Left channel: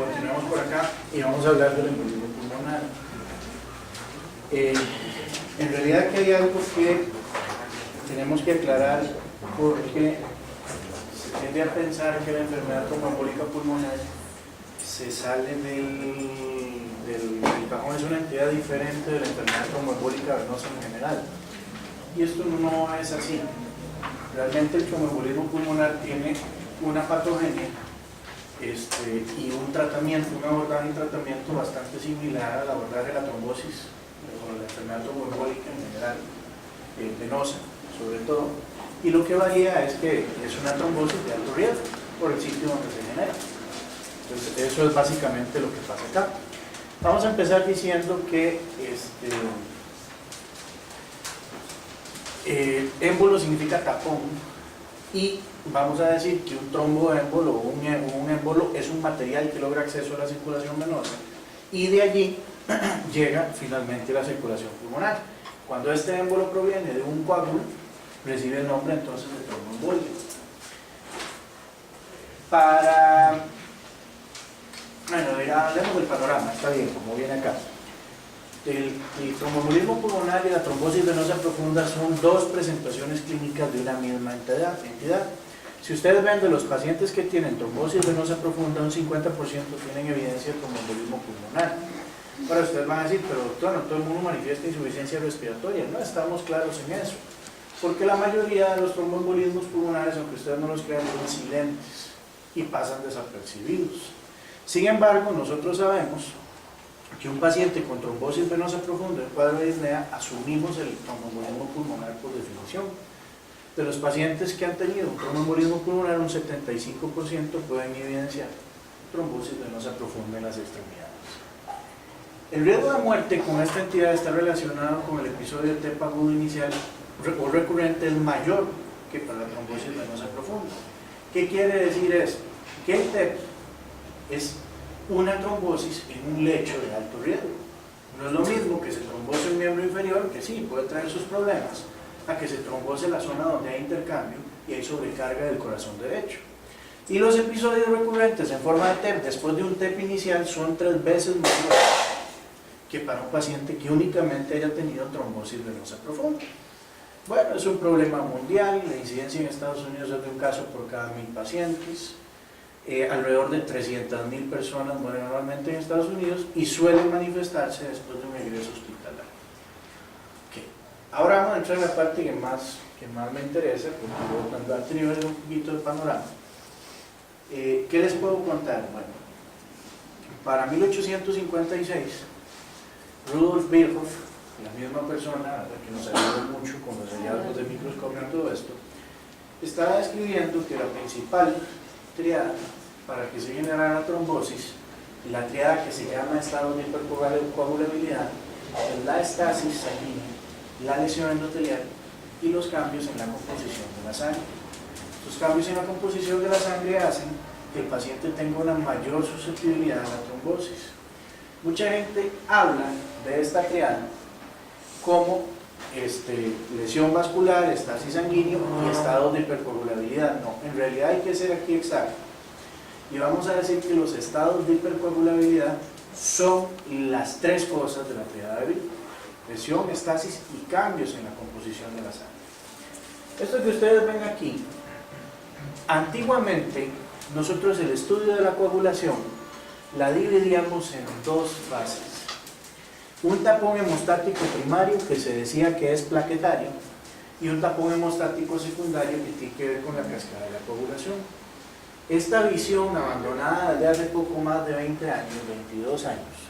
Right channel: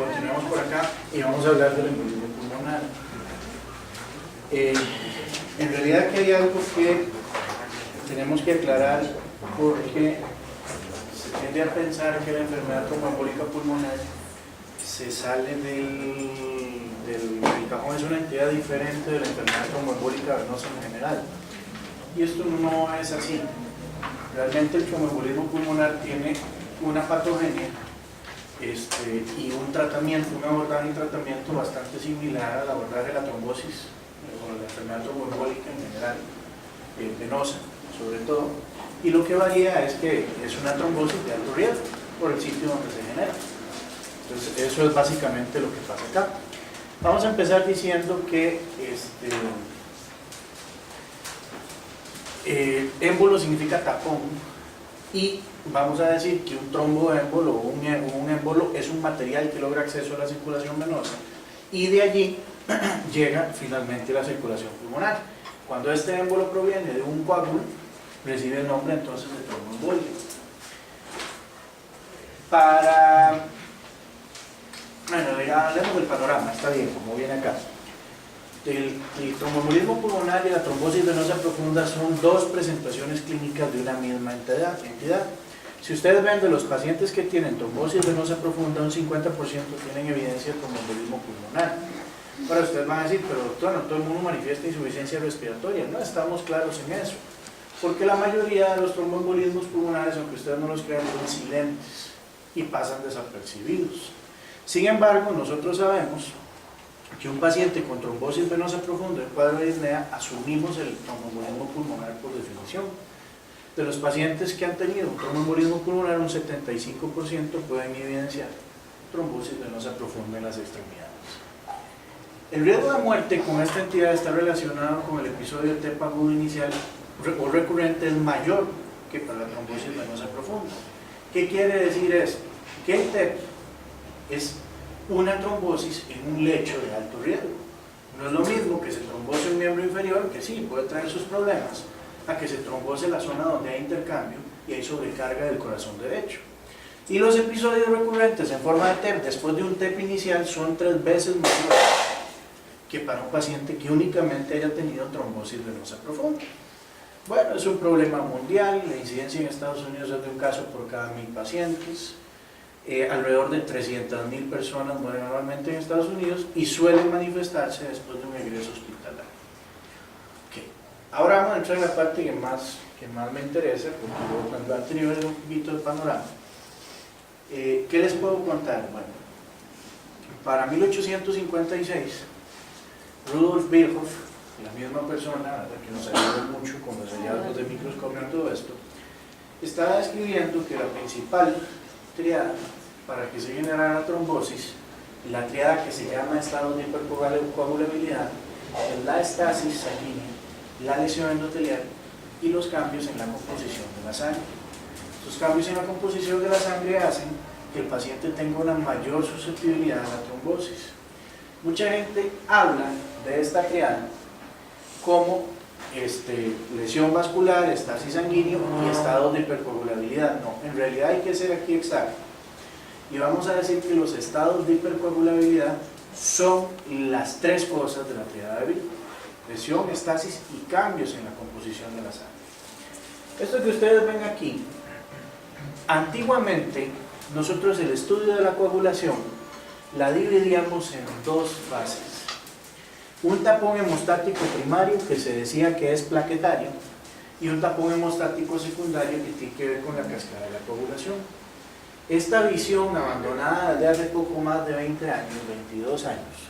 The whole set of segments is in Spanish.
continuemos por acá y vamos a hablar del embolismo pulmonar. En realidad aquí hay algo que tenemos que aclarar, porque se tiende a pensar que la enfermedad tromboembólica pulmonar se sale del cajón, es una entidad diferente de la enfermedad tromboembólica venosa en general, y esto no es así. Realmente el tromboembolismo pulmonar tiene una patogenia y un tratamiento, un abordaje y tratamiento bastante similar al abordaje de la trombosis o la enfermedad tromboembólica en general, venosa sobre todo, y lo que varía es que es una trombosis de alto riesgo por el sitio donde se genera. Entonces eso es básicamente lo que pasa acá. Vamos a empezar diciendo que émbolo significa tapón, y vamos a decir que un tromboémbolo o un émbolo es un material que logra acceso a la circulación venosa y de allí llega finalmente la circulación pulmonar. Cuando este émbolo proviene de un coágulo, recibe el nombre entonces de tromboembolia. Bueno, hablemos del panorama, está bien, como viene acá. El tromboembolismo pulmonar y la trombosis venosa profunda son dos presentaciones clínicas de una misma entidad. Si ustedes ven de los pacientes que tienen trombosis venosa profunda, un 50% tienen evidencia de tromboembolismo pulmonar. Ahora ustedes van a decir, pero doctor, no todo el mundo manifiesta insuficiencia respiratoria. No estamos claros en eso, porque la mayoría de los tromboembolismos pulmonares, aunque ustedes no los crean, son silentes y pasan desapercibidos. Sin embargo, nosotros sabemos que un paciente con trombosis venosa profunda en cuadro de disnea, asumimos el tromboembolismo pulmonar por definición. De los pacientes que han tenido un tromboembolismo pulmonar, un 75% pueden evidenciar trombosis venosa profunda en las extremidades. El riesgo de muerte con esta entidad está relacionado con el episodio de TEP agudo inicial o recurrente, es mayor que para la trombosis venosa profunda. ¿Qué quiere decir esto? Que el TEP es una trombosis en un lecho de alto riesgo. No es lo mismo que se trombose un miembro inferior, que sí, puede traer sus problemas, a que se trombose la zona donde hay intercambio y hay sobrecarga del corazón derecho. Y los episodios recurrentes en forma de TEP después de un TEP inicial son 3 veces mayores que para un paciente que únicamente haya tenido trombosis venosa profunda. Bueno, es un problema mundial, la incidencia en Estados Unidos es de un caso por cada 1000 pacientes. Alrededor de 300.000 personas mueren anualmente en Estados Unidos y suelen manifestarse después de un egreso hospitalario. Okay. Ahora vamos a entrar en la parte que más me interesa, porque cuando han tenido un poquito de panorama. ¿Qué les puedo contar? Bueno, para 1856, Rudolf Virchow, la misma persona que nos ayudó mucho con los hallazgos de microscopio y todo esto, estaba describiendo que la principal triada para que se generara la trombosis, la triada que se llama estado de hipercoagulabilidad, es la estasis sanguínea, la lesión endotelial y los cambios en la composición de la sangre. Estos cambios en la composición de la sangre hacen que el paciente tenga una mayor susceptibilidad a la trombosis. Mucha gente habla de esta triada como lesión vascular, estasis sanguíneo y estado de hipercoagulabilidad. No, en realidad hay que ser aquí exacto. Y vamos a decir que los estados de hipercoagulabilidad son las 3 cosas de la triada de Virchow: lesión, estasis y cambios en la composición de la sangre. Esto que ustedes ven aquí, antiguamente nosotros el estudio de la coagulación la dividíamos en 2 fases. Un tapón hemostático primario, que se decía que es plaquetario, y un tapón hemostático secundario que tiene que ver con la cascada de la coagulación. Esta visión, abandonada desde hace poco más de 20 años, 22 años,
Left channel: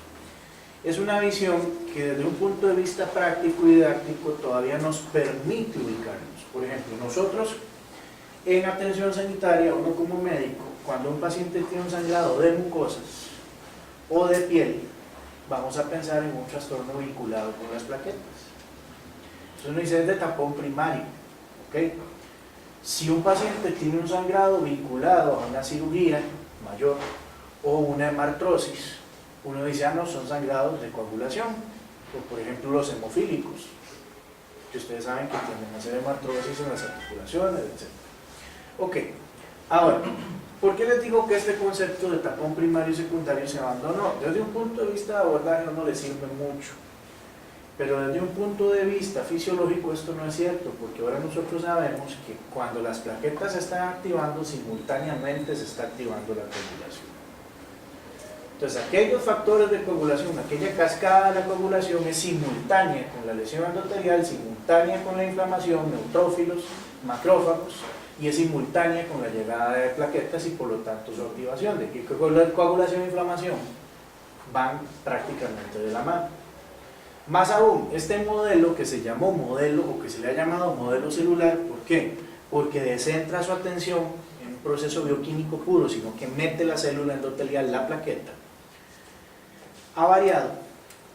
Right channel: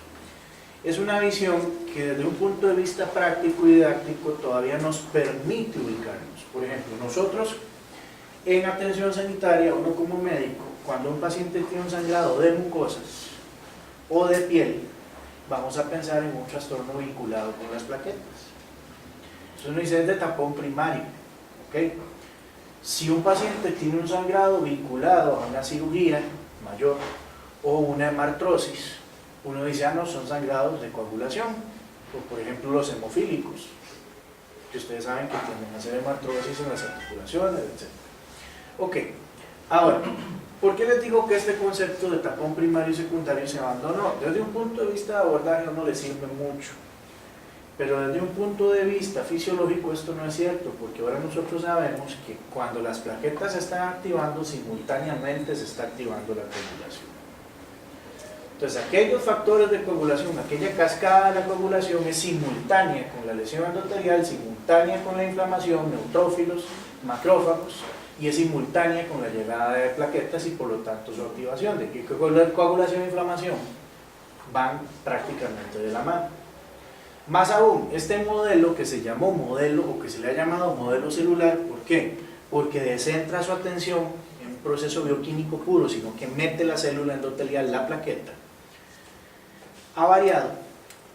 es una visión que desde un punto de vista práctico y didáctico todavía nos permite ubicarnos. Por ejemplo, nosotros en atención sanitaria, uno como médico, cuando un paciente tiene un sangrado de mucosas o de piel, vamos a pensar en un trastorno vinculado con las plaquetas. Eso no dice de tapón primario, ¿ok? Si un paciente tiene un sangrado vinculado a una cirugía mayor o una hemartrosis, uno dice, no, son sangrados de coagulación, o por ejemplo los hemofílicos, que ustedes saben que tienden a hacer hemartrosis en las articulaciones, etc. Ok, ahora, ¿Por qué les digo que este concepto de tapón primario y secundario se abandonó? Desde un punto de vista de abordaje no le sirve mucho, pero desde un punto de vista fisiológico esto no es cierto, porque ahora nosotros sabemos que cuando las plaquetas se están activando, simultáneamente se está activando la coagulación. Entonces aquellos factores de coagulación, aquella cascada de la coagulación es simultánea con la lesión endotelial, simultánea con la inflamación, neutrófilos, macrófagos, y es simultánea con la llegada de plaquetas y por lo tanto su activación. De que coagulación e inflamación van prácticamente de la mano. Más aún, este modelo que se llamó modelo o que se le ha llamado modelo celular, ¿por qué? Porque descentra su atención en un proceso bioquímico puro, sino que mete la célula endotelial, la plaqueta, ha variado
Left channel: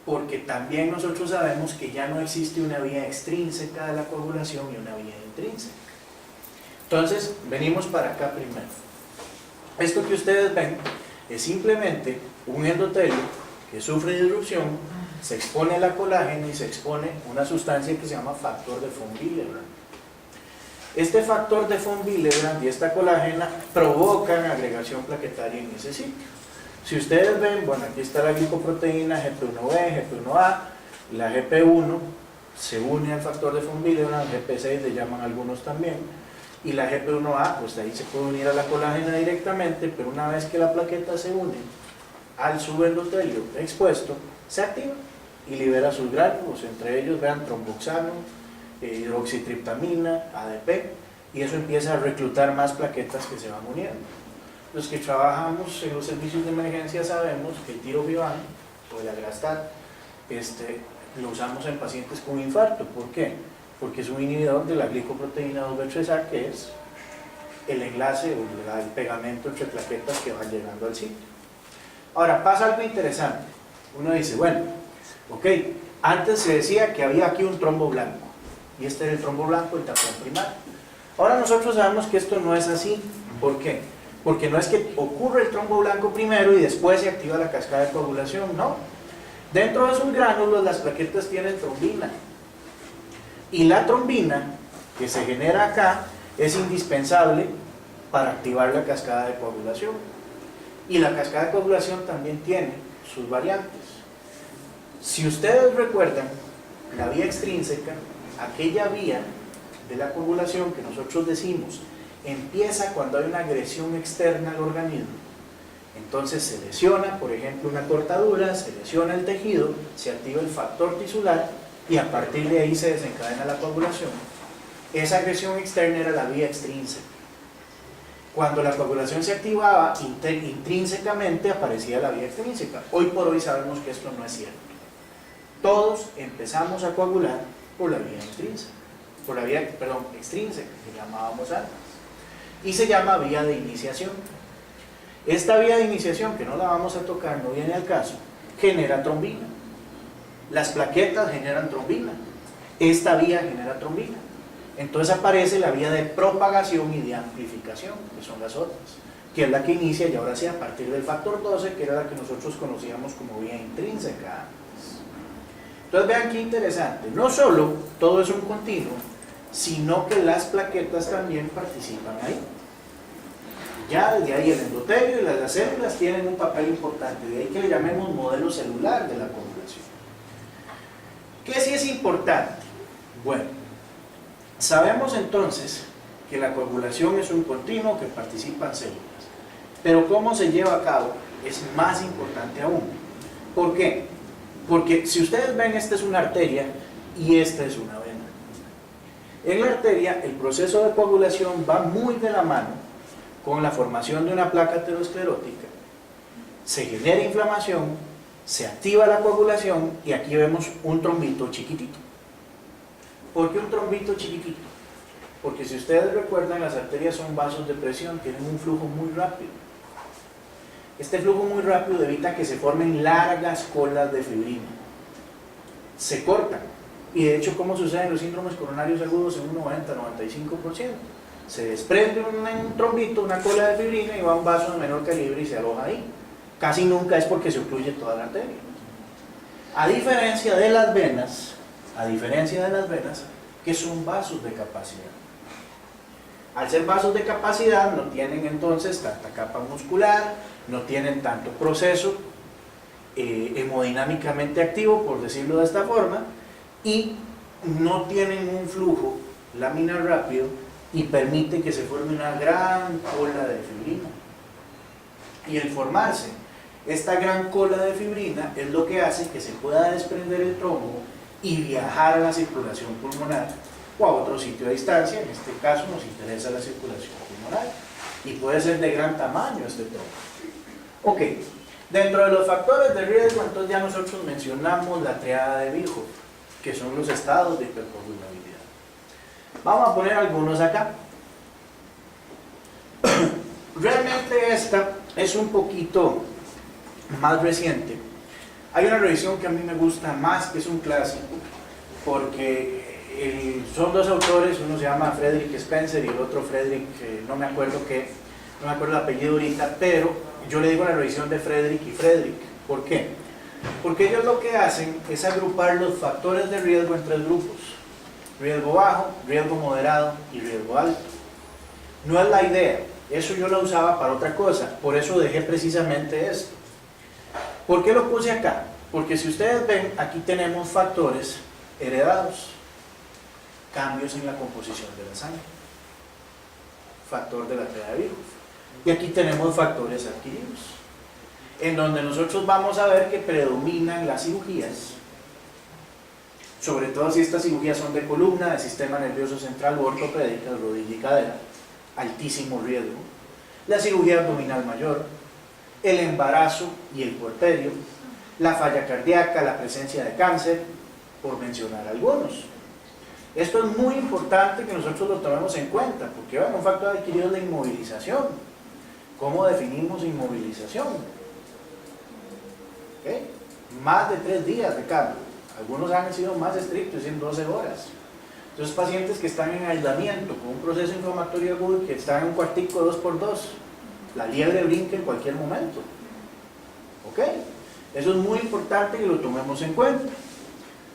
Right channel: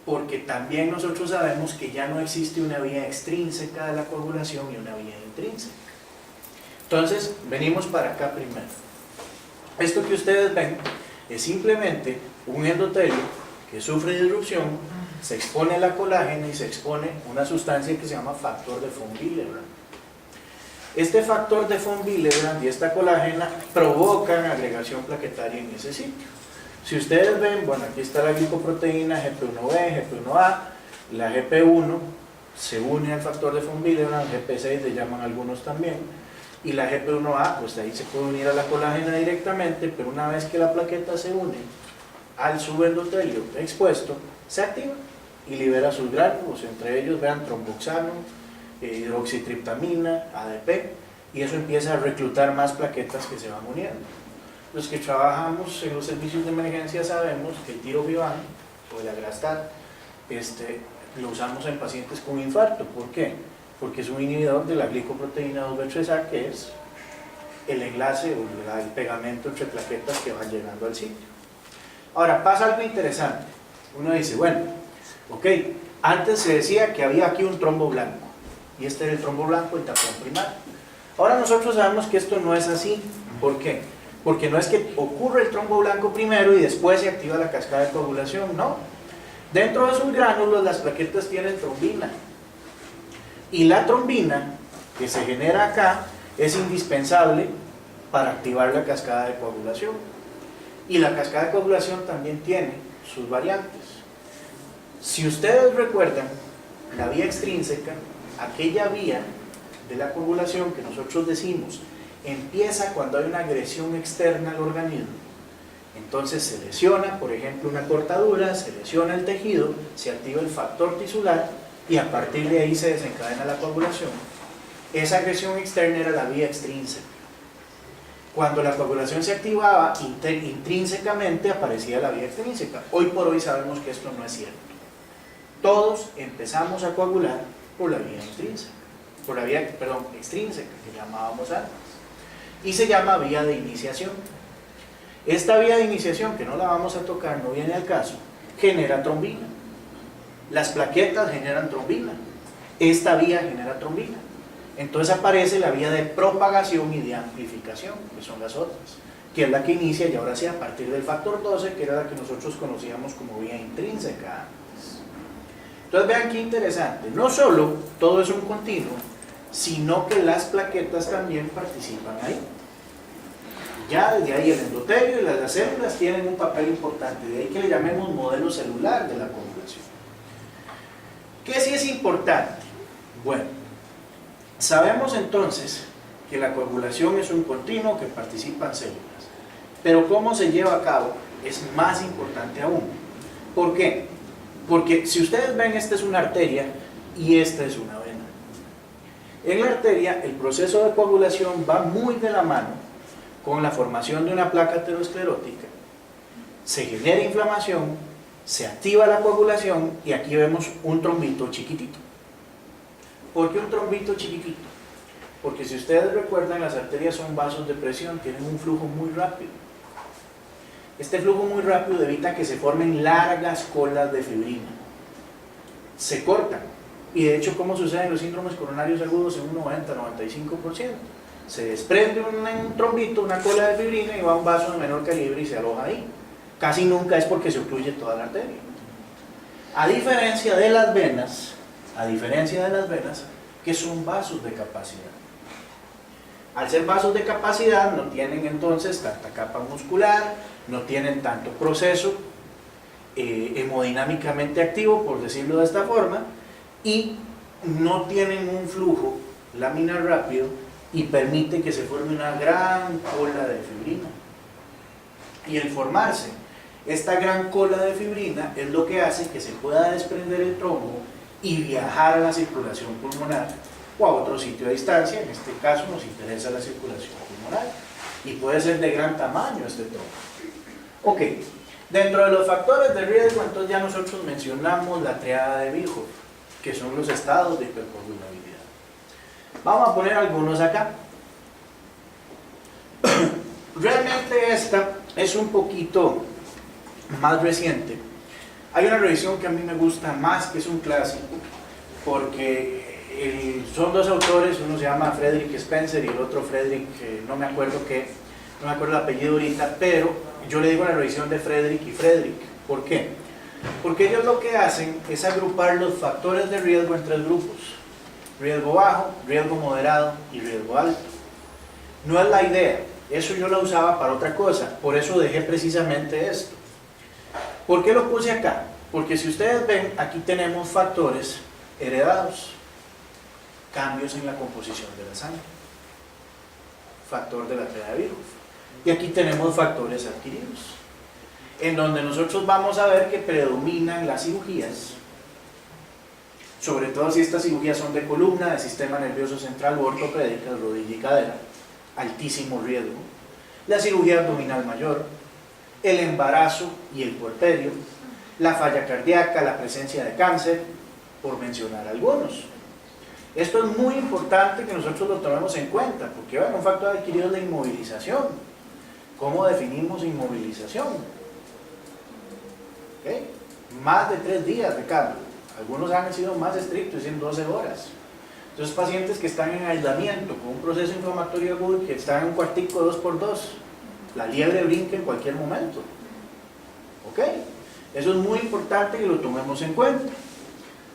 porque también nosotros sabemos que ya no existe una vía extrínseca de la coagulación y una vía intrínseca. Entonces, venimos para acá primero. Esto que ustedes ven es simplemente un endotelio que sufre disrupción, se expone la colágena y se expone una sustancia que se llama factor de von Willebrand. Este factor de von Willebrand y esta colágena provocan agregación plaquetaria en ese sitio. Si ustedes ven, bueno, aquí está la glicoproteína GP1B, GP1A, la GP1 se une al factor de von Willebrand, GP6 le llaman algunos también, y la GP1A, pues ahí se puede unir a la colágena directamente, pero una vez que la plaqueta se une al subendotelio expuesto, se activa y libera sus gránulos, entre ellos vean tromboxano, hidroxitriptamina, ADP, y eso empieza a reclutar más plaquetas que se van uniendo. Los que trabajamos en los servicios de emergencia sabemos que el tirofiban o el agrastat lo usamos en pacientes con infarto. ¿Por qué? Porque es un inhibidor de la glicoproteína 2B3A, que es el enlace o el pegamento entre plaquetas que van llegando al sitio. Ahora, pasa algo interesante. Uno dice, bueno, ok, antes se decía que había aquí un trombo blanco, y este era el trombo blanco, el tapón primario. Ahora nosotros sabemos que esto no es así. ¿Por qué? Porque no es que ocurre el trombo blanco primero y después se activa la cascada de coagulación, no. Dentro de sus gránulos las plaquetas tienen trombina. Y la trombina que se genera acá es indispensable para activar la cascada de coagulación. Y la cascada de coagulación también tiene sus variantes. Si ustedes recuerdan, la vía extrínseca, aquella vía de la coagulación que nosotros decimos empieza cuando hay una agresión externa al organismo. Entonces se lesiona, por ejemplo, una cortadura, se lesiona el tejido, se activa el factor tisular y a partir de ahí se desencadena la coagulación. Esa agresión externa era la vía extrínseca. Cuando la coagulación se activaba intrínsecamente aparecía la vía extrínseca. Hoy por hoy sabemos que esto no es cierto. Todos empezamos a coagular por la vía extrínseca, extrínseca que llamábamos antes. Y se llama vía de iniciación. Esta vía de iniciación, que no la vamos a tocar, no viene al caso, genera trombina. Las plaquetas generan trombina. Esta vía genera trombina. Entonces aparece la vía de propagación y de amplificación, que son las otras, que es la que inicia y ahora sí a partir del factor 12, que era la que nosotros conocíamos como vía intrínseca antes. Entonces vean qué interesante, no solo todo es un continuo, sino que las plaquetas también participan ahí. Ya desde ahí el endotelio y las células tienen un papel importante, de ahí que le llamemos modelo celular de la coagulación. ¿Qué sí es importante? Bueno, sabemos entonces que la coagulación es un continuo que participan células, pero cómo se lleva a cabo es más importante aún. ¿Por qué? Porque si ustedes ven, esta es una arteria y esta es una vena. En la arteria el proceso de coagulación va muy de la mano con la formación de una placa aterosclerótica, se genera inflamación, se activa la coagulación y aquí vemos un trombito chiquitito. ¿Por qué un trombito chiquitito? Porque si ustedes recuerdan, las arterias son vasos de presión, tienen un flujo muy rápido. Este flujo muy rápido evita que se formen largas colas de fibrina. Se cortan. Y de hecho, ¿cómo sucede en los síndromes coronarios agudos? En un 90-95%. Se desprende un trombito, una cola de fibrina y va a un vaso de menor calibre y se aloja ahí. Casi nunca es porque se ocluye toda la arteria. A diferencia de las venas, que son vasos de capacidad. Al ser vasos de capacidad no tienen entonces tanta capa muscular, no tienen tanto proceso hemodinámicamente activo, por decirlo de esta forma, y no tienen un flujo laminar rápido y permite que se forme una gran cola de fibrina. Y el formarse esta gran cola de fibrina es lo que hace que se pueda desprender el trombo y viajar a la circulación pulmonar o a otro sitio a distancia. En este caso nos interesa la circulación pulmonar y puede ser de gran tamaño este trombo. Ok, dentro de los factores de riesgo entonces ya nosotros mencionamos la triada de Virchow, que son los estados de hipercoagulabilidad. Vamos a poner algunos acá. Realmente esta es un poquito más reciente. Hay una revisión que a mí me gusta más, que es un clásico, porque son dos autores, uno se llama Frederick Spencer y el otro Frederick, no me acuerdo el apellido ahorita, pero yo le digo la revisión de Frederick y Frederick. ¿Por qué? Porque ellos lo que hacen es agrupar los factores de riesgo en tres grupos: riesgo bajo, riesgo moderado y riesgo alto. No es la idea, eso yo lo usaba para otra cosa, por eso dejé precisamente esto. ¿Por qué lo puse acá? Porque si ustedes ven, aquí tenemos factores heredados, cambios en la composición de la sangre, factor de la triada de Virchow, y aquí tenemos factores adquiridos, en donde nosotros vamos a ver que predominan las cirugías, sobre todo si estas cirugías son de columna, de sistema nervioso central o ortopédicas, rodilla y cadera, altísimo riesgo, la cirugía abdominal mayor, el embarazo y el puerperio, la falla cardíaca, la presencia de cáncer, por mencionar algunos. Esto es muy importante que nosotros lo tomemos en cuenta, porque bueno, un factor adquirido es la inmovilización. ¿Cómo definimos inmovilización? ¿Okay? Más de 3 días de cambio. Algunos han sido más estrictos, en 12 horas. Entonces, pacientes que están en aislamiento con un proceso inflamatorio agudo y que están en un cuartico 2x2, la liebre brinca en cualquier momento. ¿Ok? Eso es muy importante que lo tomemos en cuenta.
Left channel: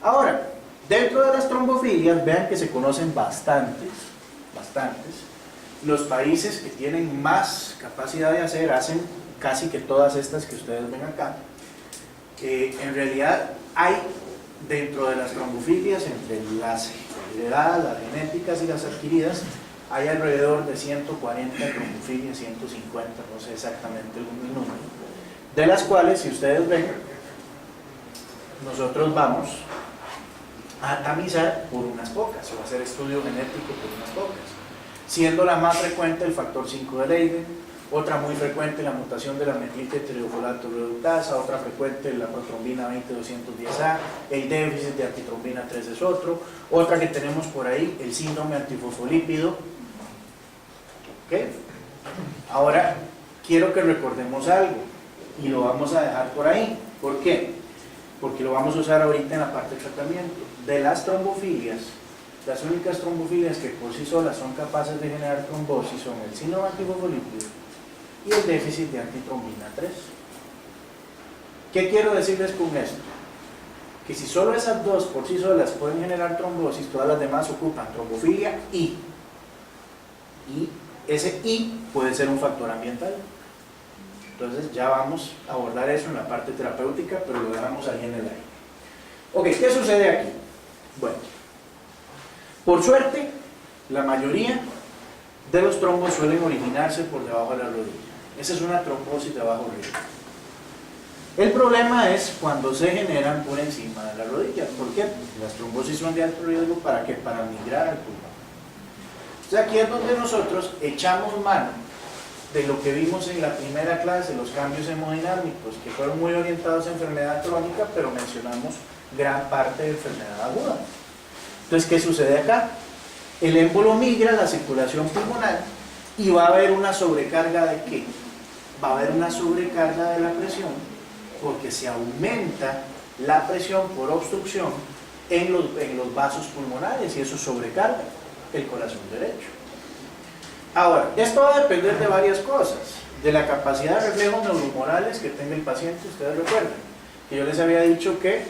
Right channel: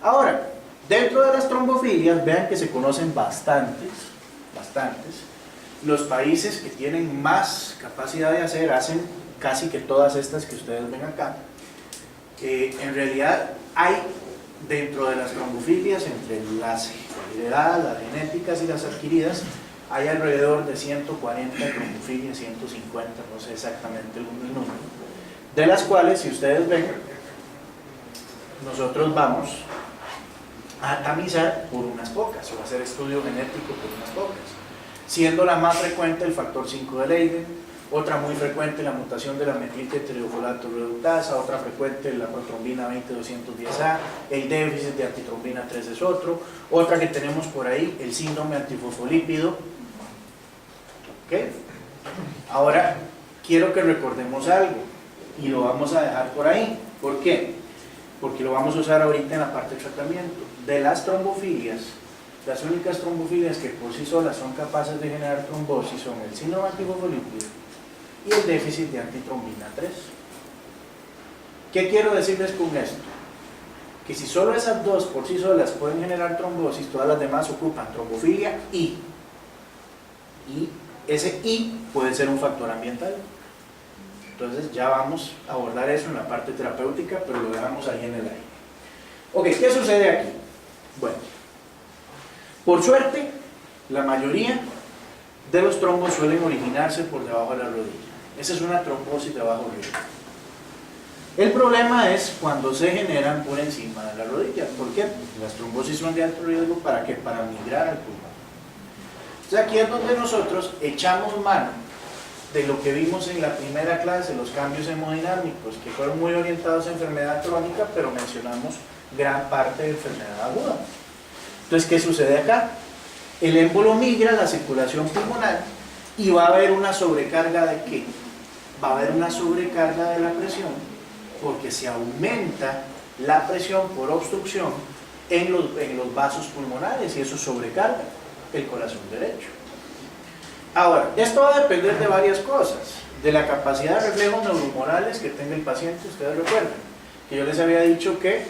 Ahora, dentro de las trombofilias, vean que se conocen bastantes. Los países que tienen más capacidad de hacer, hacen casi que todas estas que ustedes ven acá. En realidad, hay dentro de las trombofilias, entre las heredadas, las genéticas y las adquiridas, hay alrededor de 140 trombofilias, 150, no sé exactamente el número, de las cuales, si ustedes ven, nosotros vamos a tamizar por unas pocas, o hacer estudio genético por unas pocas, siendo la más frecuente el factor 5 de Leiden, otra muy frecuente la mutación de la metiltetriofolalato reductasa, otra frecuente la protrombina 20-210A, el déficit de antitrombina 3 es otro, otra que tenemos por ahí, el síndrome antifosfolípido. ¿Ok? Ahora, quiero que recordemos algo, y lo vamos a dejar por ahí. ¿Por qué? Porque lo vamos a usar ahorita en la parte de tratamiento. De las trombofilias, las únicas trombofilias que por sí solas son capaces de generar trombosis son el síndrome antifosfolípido y el déficit de antitrombina 3. ¿Qué quiero decirles con esto? Que si solo esas dos por sí solas pueden generar trombosis, todas las demás ocupan trombofilia y ese I puede ser un factor ambiental. Entonces ya vamos a abordar eso en la parte terapéutica, pero lo dejamos ahí en el aire. Ok, ¿qué sucede aquí? Bueno, por suerte, la mayoría de los trombos suelen originarse por debajo de la rodilla. Esa es una trombosis de bajo riesgo. El problema es cuando se generan por encima de la rodilla. ¿Por qué? Porque las trombosis son de alto riesgo. ¿Para qué? Para migrar al pulmón. Entonces aquí es donde nosotros echamos mano de lo que vimos en la primera clase, los cambios hemodinámicos, que fueron muy orientados a enfermedad crónica, pero mencionamos gran parte de enfermedad aguda. Entonces, ¿qué sucede acá? El émbolo migra a la circulación pulmonar y va a haber una sobrecarga ¿de qué? Va a haber una sobrecarga de la presión, porque se aumenta la presión por obstrucción en los vasos pulmonares y eso sobrecarga el corazón derecho. Ahora, esto va a depender de varias cosas, de la capacidad de reflejos neuromorales que tenga el paciente. Ustedes recuerden que yo les había dicho que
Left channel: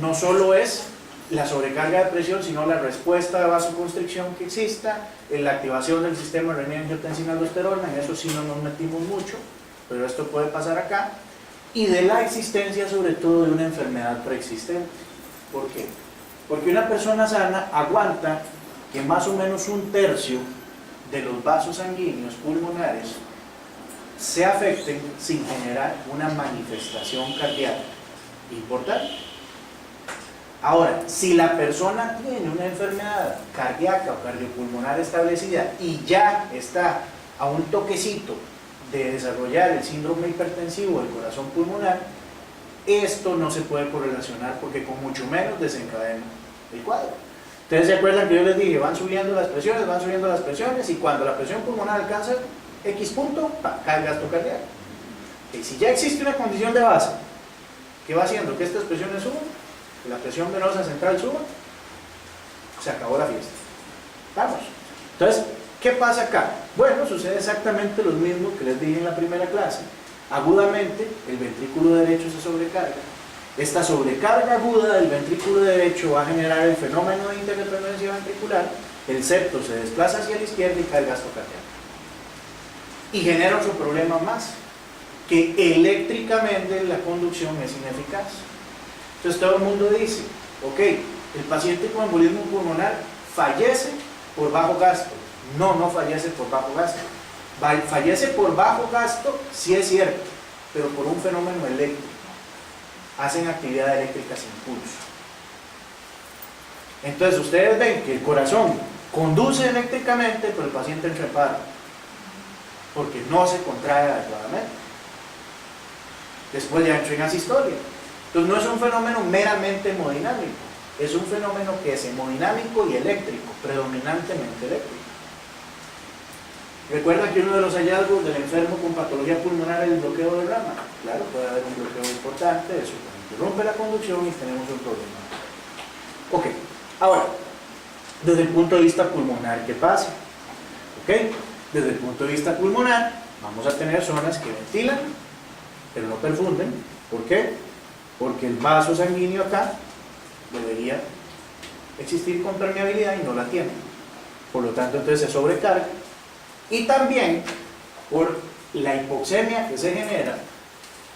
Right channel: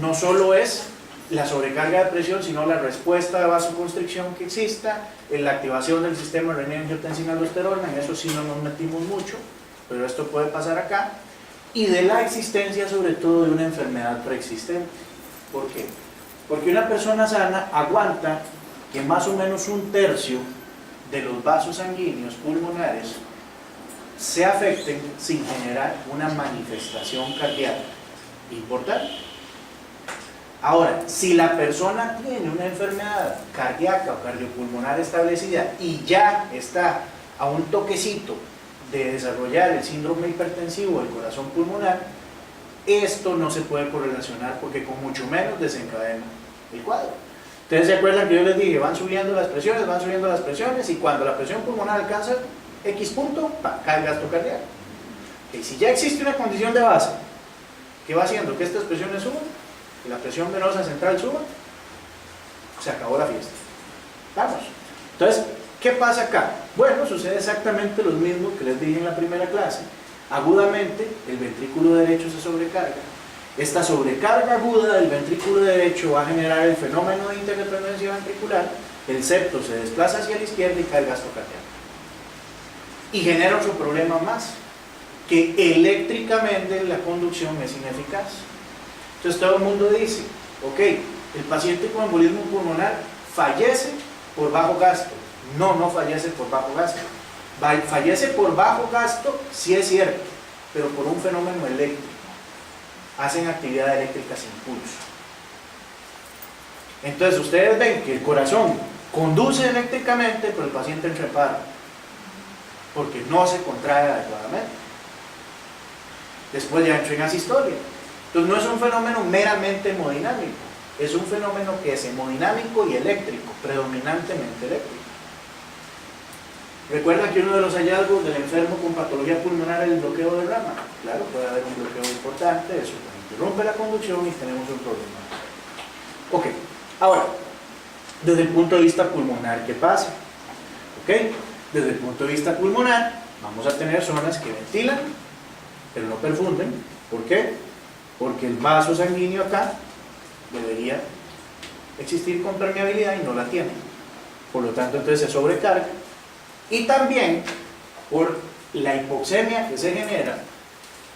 no solo es la sobrecarga de presión, sino la respuesta de vasoconstricción que exista, en la activación del sistema renina-angiotensina-aldosterona. En eso sí no nos metimos mucho, pero esto puede pasar acá, y de la existencia sobre todo de una enfermedad preexistente. ¿Por qué? Porque una persona sana aguanta que más o menos 1/3 de los vasos sanguíneos pulmonares se afecten sin generar una manifestación cardíaca importante. Ahora, si la persona tiene una enfermedad cardíaca o cardiopulmonar establecida y ya está a un toquecito de desarrollar el síndrome hipertensivo del corazón pulmonar, esto no se puede correlacionar porque con mucho menos desencadena el cuadro. Ustedes se acuerdan que yo les dije, van subiendo las presiones, y cuando la presión pulmonar alcanza X punto, cae el gasto cardíaco. Y si ya existe una condición de base que va haciendo que estas presiones suban, que la presión venosa central suba, se acabó la fiesta. Vamos. Entonces, ¿qué pasa acá? Bueno, sucede exactamente lo mismo que les dije en la primera clase. Agudamente, el ventrículo derecho se sobrecarga. Esta sobrecarga aguda del ventrículo derecho va a generar el fenómeno de interdependencia ventricular, el septo se desplaza hacia la izquierda y cae el gasto cardíaco. Y genera otro problema más, que eléctricamente la conducción es ineficaz. Entonces todo el mundo dice, ok, el paciente con embolismo pulmonar fallece por bajo gasto. No, no fallece por bajo gasto. Fallece por bajo gasto, sí es cierto, pero por un fenómeno eléctrico. Hacen actividad eléctrica sin pulso. Entonces ustedes ven que el corazón conduce eléctricamente, pero el paciente entra en paro, porque no se contrae adecuadamente. Después ya entra en asistolia. Entonces no es un fenómeno meramente hemodinámico, es un fenómeno que es hemodinámico y eléctrico, predominantemente eléctrico. ¿Recuerda que uno de los hallazgos del enfermo con patología pulmonar es el bloqueo de rama? Claro, puede haber un bloqueo importante, eso interrumpe la conducción y tenemos un problema. Ok, ahora, desde el punto de vista pulmonar, ¿qué pasa? Ok, desde el punto de vista pulmonar, vamos a tener zonas que ventilan, pero no perfunden. ¿Por qué? Porque el vaso sanguíneo acá debería existir con permeabilidad y no la tiene. Por lo tanto, entonces se sobrecarga. Y también por la hipoxemia que se genera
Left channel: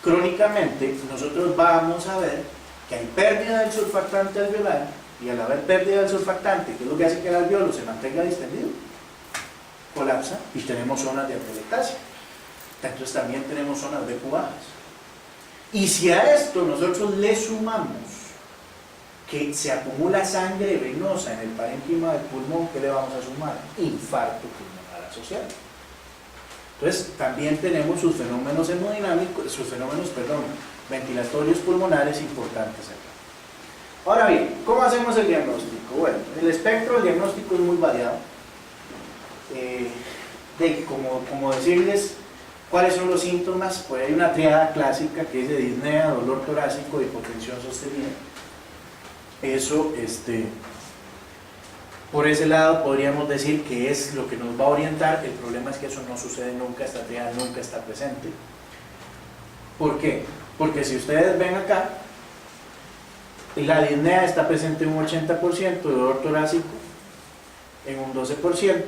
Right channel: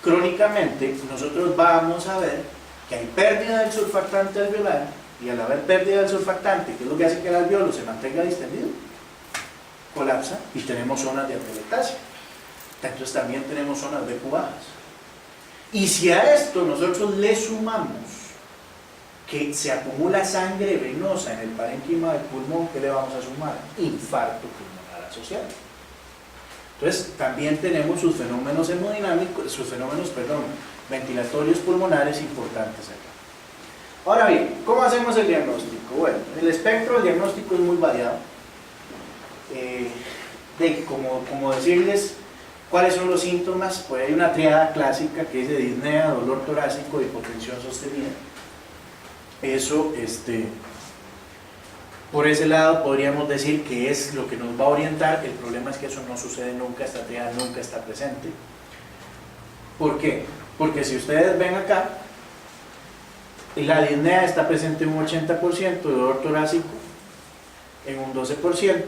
crónicamente, nosotros vamos a ver que hay pérdida del surfactante alveolar, y al haber pérdida del surfactante, que es lo que hace que el alveolo se mantenga distendido, colapsa y tenemos zonas de atelectasia. Entonces también tenemos zonas BQ bajas. Y si a esto nosotros le sumamos que se acumula sangre venosa en el parénquima del pulmón, ¿qué le vamos a sumar? Infarto pulmonar asociado. Entonces también tenemos sus fenómenos hemodinámicos, ventilatorios pulmonares importantes acá. Ahora bien, ¿cómo hacemos el diagnóstico? Bueno, el espectro del diagnóstico es muy variado. Como decirles cuáles son los síntomas, pues hay una triada clásica que es de disnea, dolor torácico y hipotensión sostenida. Eso, por ese lado podríamos decir que es lo que nos va a orientar. El problema es que eso no sucede nunca, esta triada nunca está presente. ¿Por qué? Porque si ustedes ven acá, la disnea está presente en un 80%, dolor torácico en un 12%.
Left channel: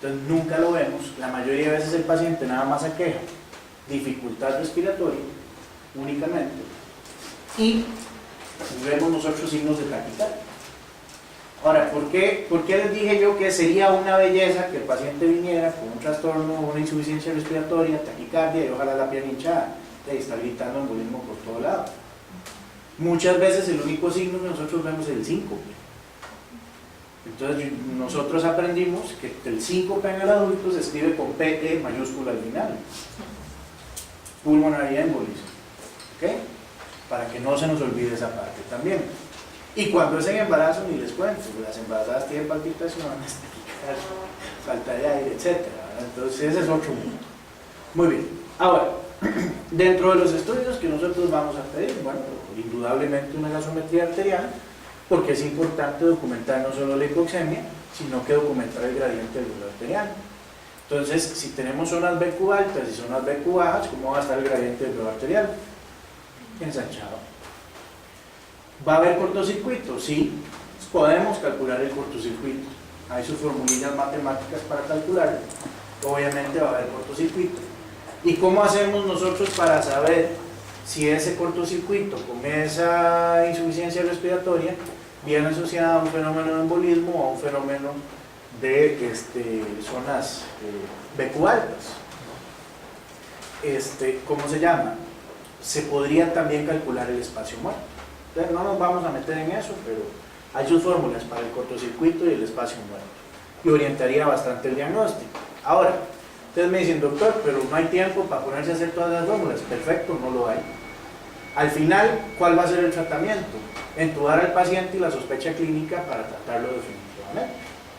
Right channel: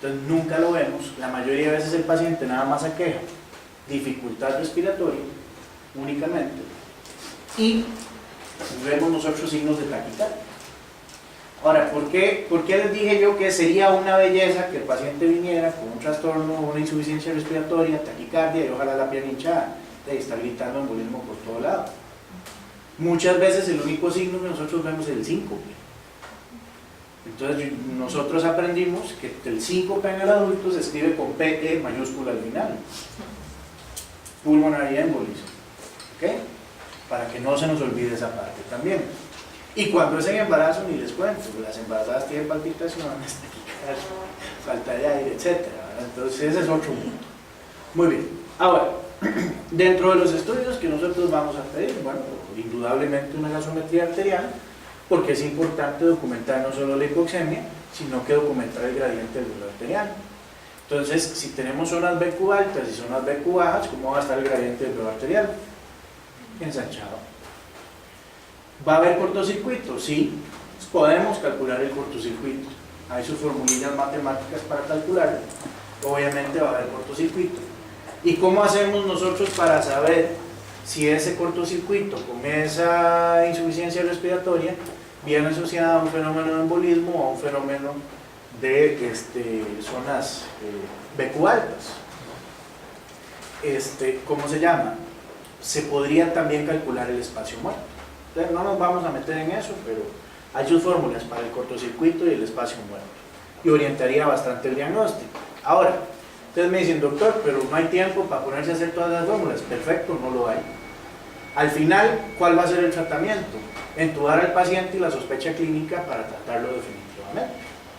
Entonces nunca lo vemos. La mayoría de veces el paciente nada más aqueja dificultad respiratoria únicamente, y vemos nosotros signos de taquicardia. Ahora, ¿por qué les dije yo que sería una belleza que el paciente viniera con un trastorno, una insuficiencia respiratoria, taquicardia y ojalá la pierna hinchada, y está gritando embolismo por todo lado? Muchas veces el único signo que nosotros vemos es el síncope. Entonces nosotros aprendimos que el síncope en el adulto se escribe con PE mayúscula al final, pulmonary embolism, ¿ok? Para que no se nos olvide esa parte también. Y cuando es en embarazo, ni les cuento, las embarazadas tienen palpitaciones, falta de aire, etc. Entonces ese es otro mundo. Muy bien, ahora, dentro de los estudios que nosotros vamos a pedir, bueno, indudablemente una gasometría arterial, porque es importante documentar no solo la hipoxemia, sino que documentar el gradiente del dolor arterial. Entonces, si tenemos zonas BQ altas y zonas BQ bajas, ¿cómo va a estar el gradiente del dolor arterial? Ensanchado. ¿Va a haber cortocircuito? Sí, podemos calcular el cortocircuito. Hay sus formulillas matemáticas para calcularlo. Obviamente va a haber cortocircuito. ¿Y cómo hacemos nosotros para saber si ese cortocircuito con esa insuficiencia respiratoria viene asociada a un fenómeno de embolismo o a un fenómeno de zonas BQ altas? ¿Cómo se llama? Se podría también calcular el espacio muerto. Entonces, no nos vamos a meter en eso, pero hay sus fórmulas para el cortocircuito y el espacio muerto y orientaría bastante el diagnóstico. Ahora, ustedes me dicen, doctor, pero no hay tiempo para ponerse a hacer todas las fórmulas. Perfecto, no lo hay. Al final, ¿cuál va a ser el tratamiento? Entubar al paciente y la sospecha clínica para tratarlo definitivamente.